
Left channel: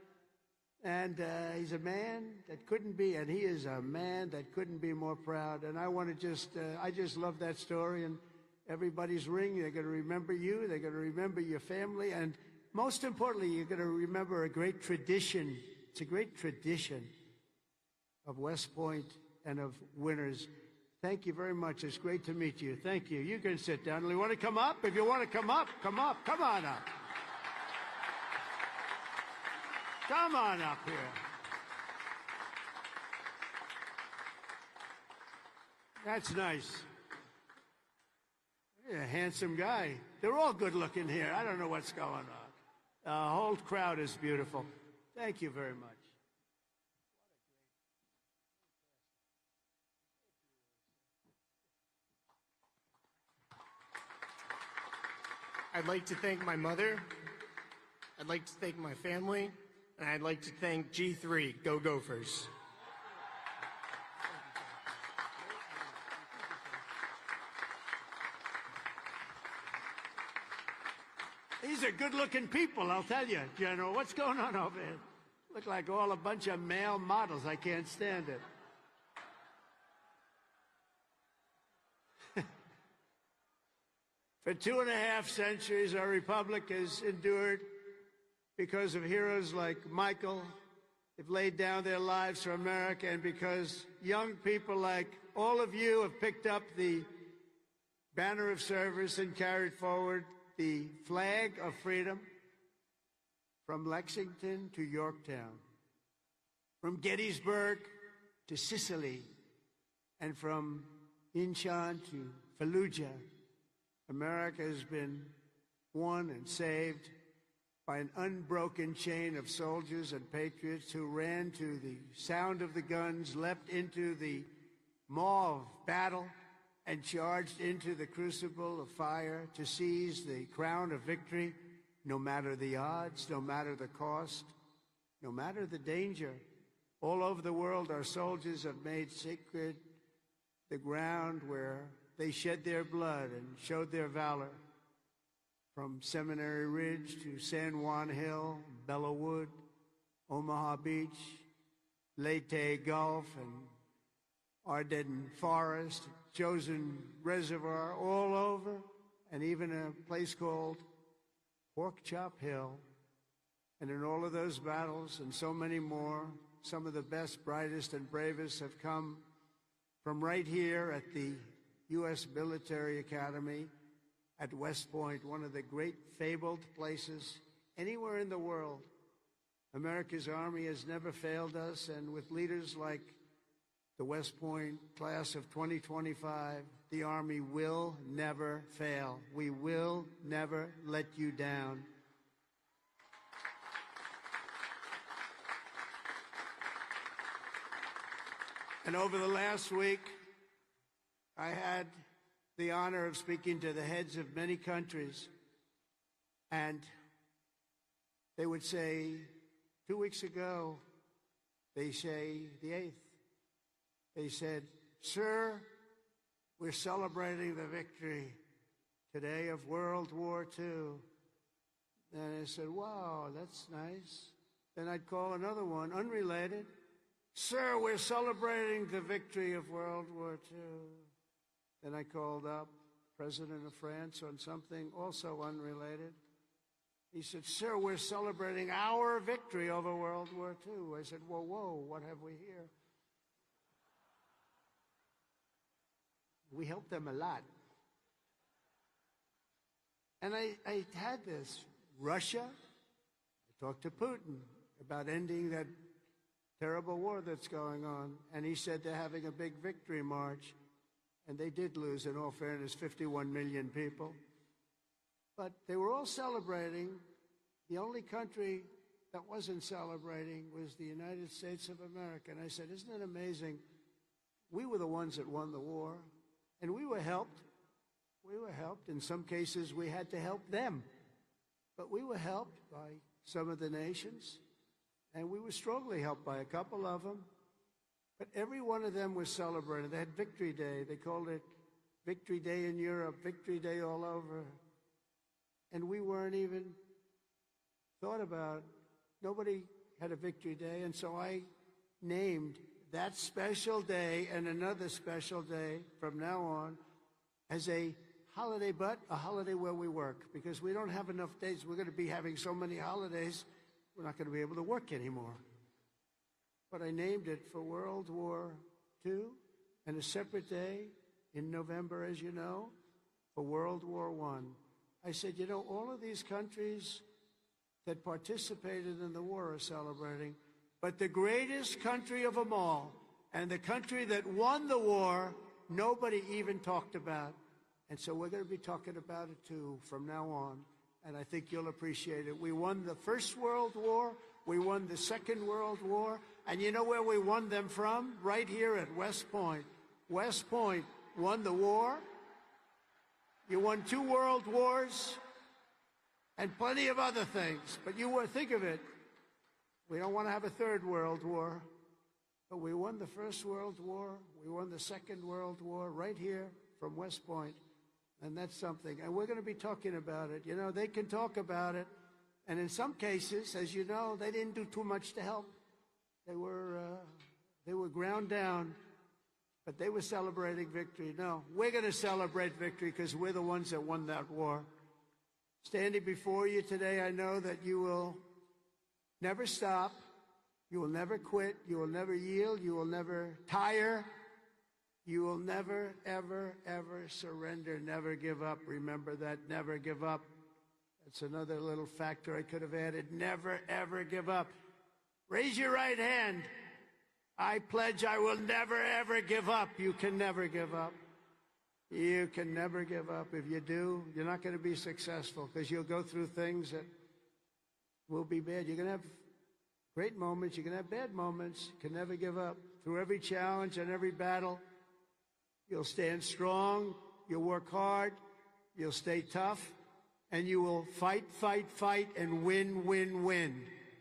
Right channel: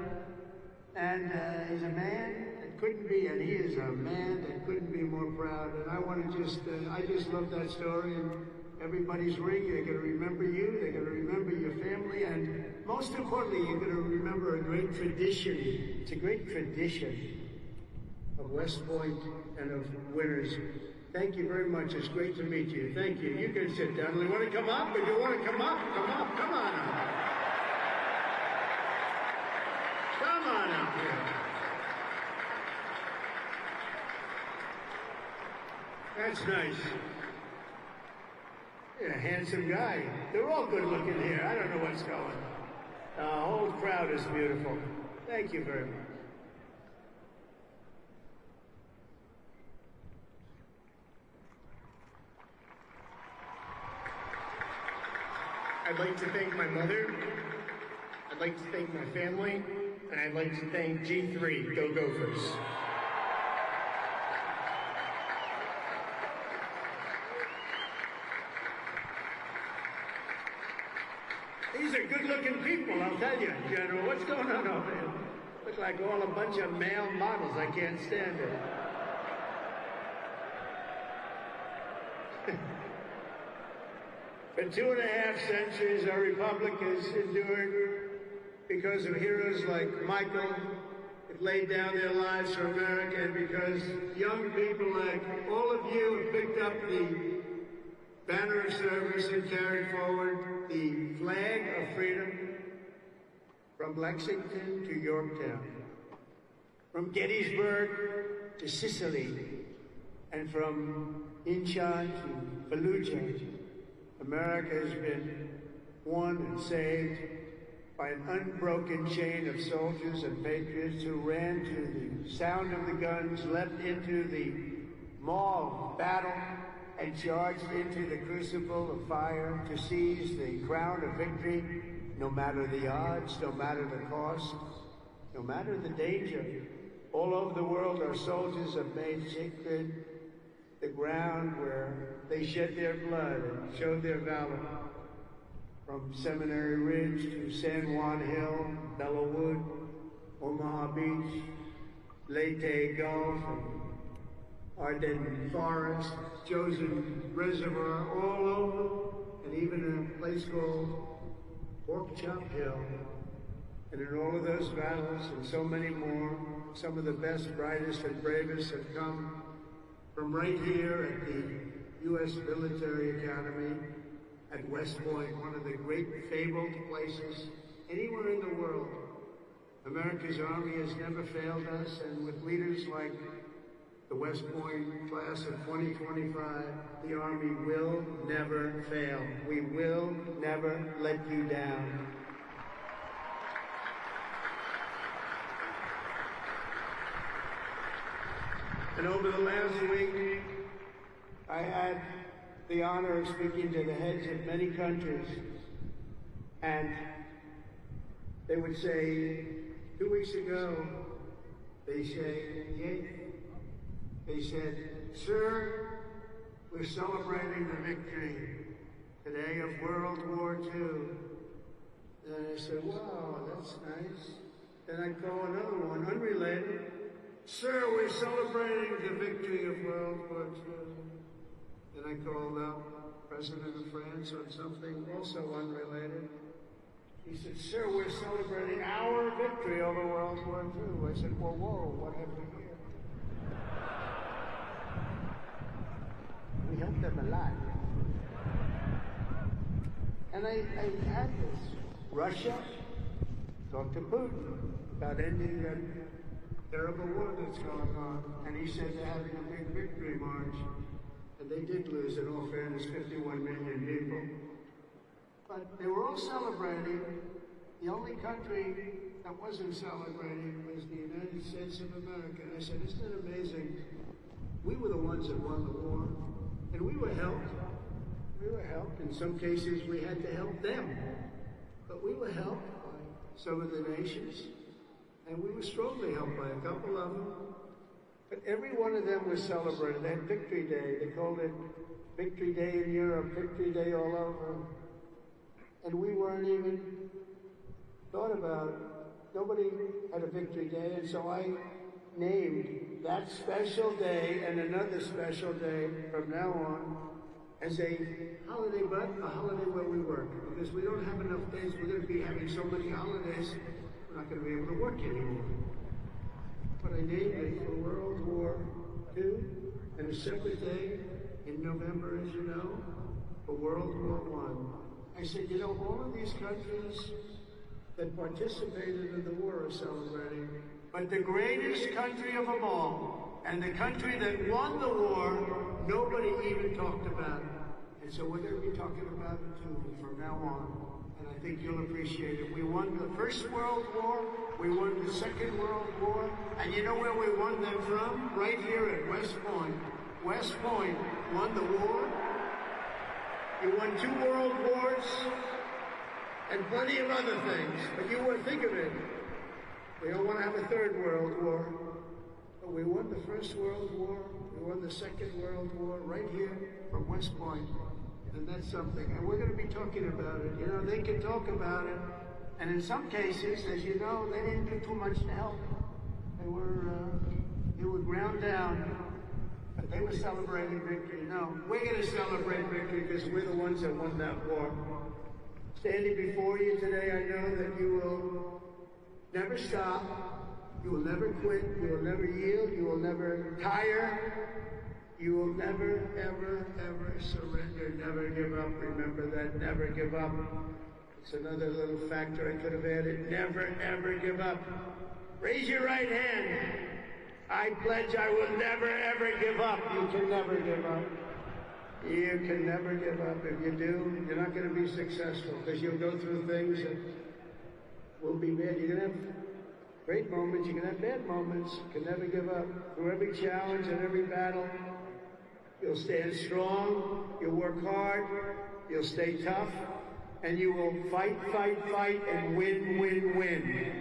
And as a man, couldn't be, and he's a man that couldn't be more proud. And I want to I just love that story. Everybody's ring, they're going to remember you, they're going to remember your family, and most importantly, you're going to remember a great tradition. It's a great tradition of West Point and of winners. Thank you very much. It's great to meet you. Thank you. You can sit down. You want to come up? If you want to come up, come on, come on. Come on. That's nice. Yeah, handsome guy. They're all good looking here. I don't know what's going on. The whole crowd is beautiful. Thank you very much. I'd like to thank my mother, I'd like to thank my family, and I'd like to thank G3, Go Gophers. These are good-looking people, I'll tell you, General. What's going on? Look like all a bunch of male models. I can't stand it. For 2.5 centuries, our republic has endured because of heroes like Michael, who laid down their lives for America, and because young people like all of you have picked up the banner service and carry forward the flag of freedom from Lexington to Yorktown, from Gettysburg to Sicily, and from Incheon to Fallujah. America has been won and saved by an unbroken chain of soldiers and patriots who ran to the sound of the guns, leapt into the maw of battle, and charged into the crucible of fire to seize the crown of victory, no matter the odds, no matter the cost, no matter the danger. All over the world, our soldiers have made sacred the ground where they shed their blood and showed their valor. From Seminary Ridge to San Juan Hill, Bellawood, Omaha Beach, Leyte Gulf, Ardennes Forest, Chosen Reservoir, all over, and even a place called Pork Chop Hill. And in all of those battles and so many more, some of the best, brightest, and bravest have come from right here at the U.S. Military Academy at West Point, one of the great fabled places anywhere in the world. America's Army has never failed us, and with leaders like the West Point class of 2025, the Army will never fail. We will never let you down. And over the last week, I had the honor of speaking to the heads of many countries, and they would say, 2 weeks ago, they said, the 8th, they said, "Sir, we're celebrating the victory today of World War II." And I said, "Wow, that's nice." And I call another one, unrelated, "Sir, we're celebrating the victory of World War II." And I call out President of France or something, also unrelated. He said, "Sir, we're celebrating our victory over World War II." I said, "Whoa, what happened here?" We helped them a lot. And I had this. Russia talked to Putin about ending that terrible war that's going on. And he said they're having a big victory march. And they did lose, in all fairness, 51 million people. But they were all celebrating. The only country that wasn't celebrating was the United States of America. And I said, "Isn't it amazing? We were the ones that won the war. And we were helped. In some cases, we had to help them. But we were helped by some of the nations. And we were strongly helped by a couple of them. But every one of them was celebrating. They had Victory Day. They called it Victory Day in Europe, Victory Day all over. And we weren't even thought about. Nobody had a Victory Day. So I named that special day and another special day from now on as a holiday, but a holiday where we work. Because we don't have enough days. We're going to be having so many holidays, we're not going to be able to work anymore. But I named it for World War II, and a separate day in November, as you know, for World War I. I said, you know, all these countries that participated in the war are celebrating, but the greatest country of them all, and the country that won the war, nobody even talked about. And so we're going to be talking about it too from now on. And I think you'll appreciate it. We won the First World War, we won the Second World War, and you know where we won them from? Right here at West Point. West Point won the war. You won 2 world wars, and plenty of other things. You wouldn't think of it. We don't want to have a 3rd World War. But we won the First World War, we won the Second World War right here from West Point. And that's something. And we're going to be talking about it. You know, they can talk about it. And in some cases, as you know, they didn't do too much to help. They were ground down. But they were celebrating victory. No, we're going to celebrate victory because we're the ones that won that war. Standing before you today, I know that you will never stop. You will never quit. You will never yield. You will never tire. You will never, ever, ever surrender, never give up. Remember that, never give up. It's another little factor I could have had. Never, ever give up. Raise your right hand. I pledge I will never, ever give up. You can never give up. You can never give up. If you do, you're not going to be successful because you'll go through things that will be bad. You can have great moments, you can have bad moments. You can never give up. Through every challenge and every battle, you'll stand strong, you'll work hard, you'll stay tough, and you will fight, fight, fight, and win, win, win.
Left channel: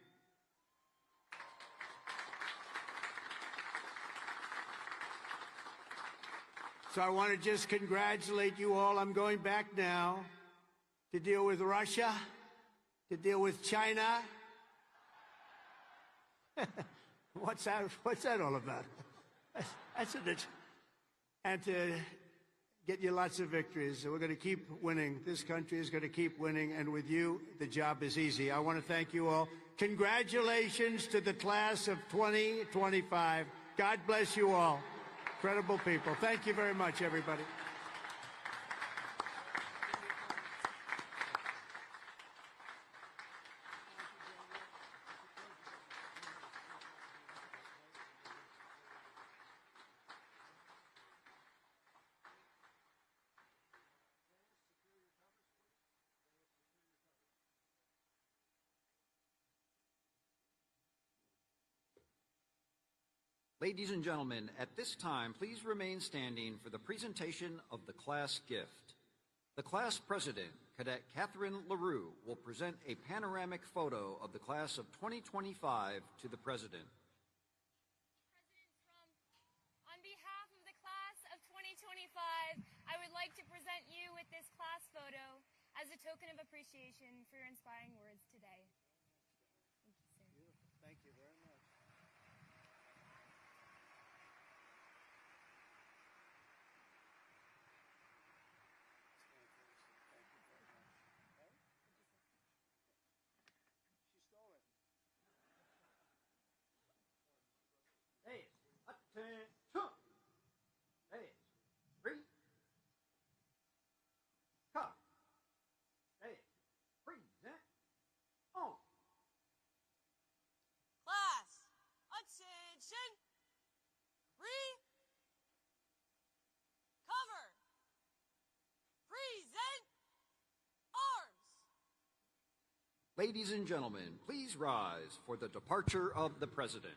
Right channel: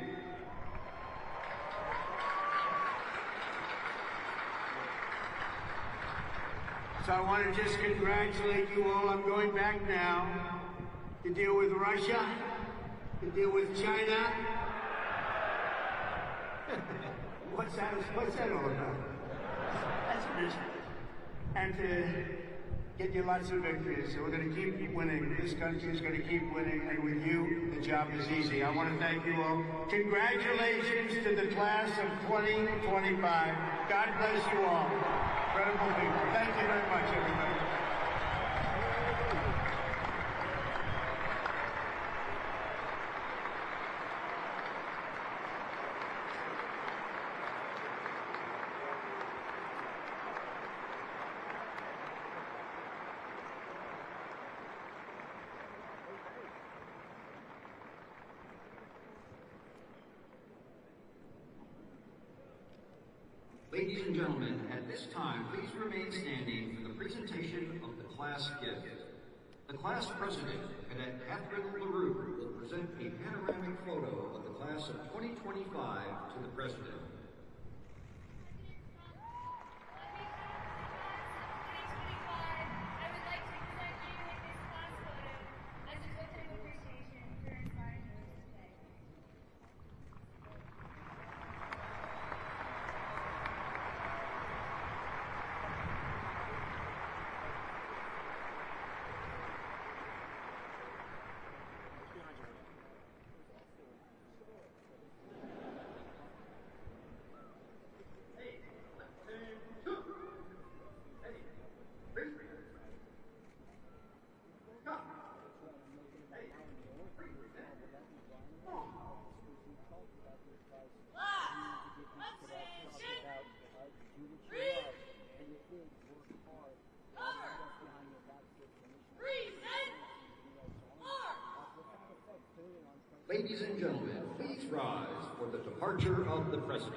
So I want to just congratulate you all. I'm going back now to deal with Russia, to deal with China. What's that all about? That's a and get you lots of victories. So we're going to keep winning. This country is going to keep winning, and with you, the job is easy. I want to thank you all. Congratulations to the class of 2025. God bless you all. Incredible people. Thank you very much, everyone. Ladies and gentlemen, at this time, please remain standing for the presentation of the class gift. The class president, Cadet Catherine LaRue, will present a panoramic photo of the class of 2025 to the president. Ladies and gentlemen, please rise for the departure of the president.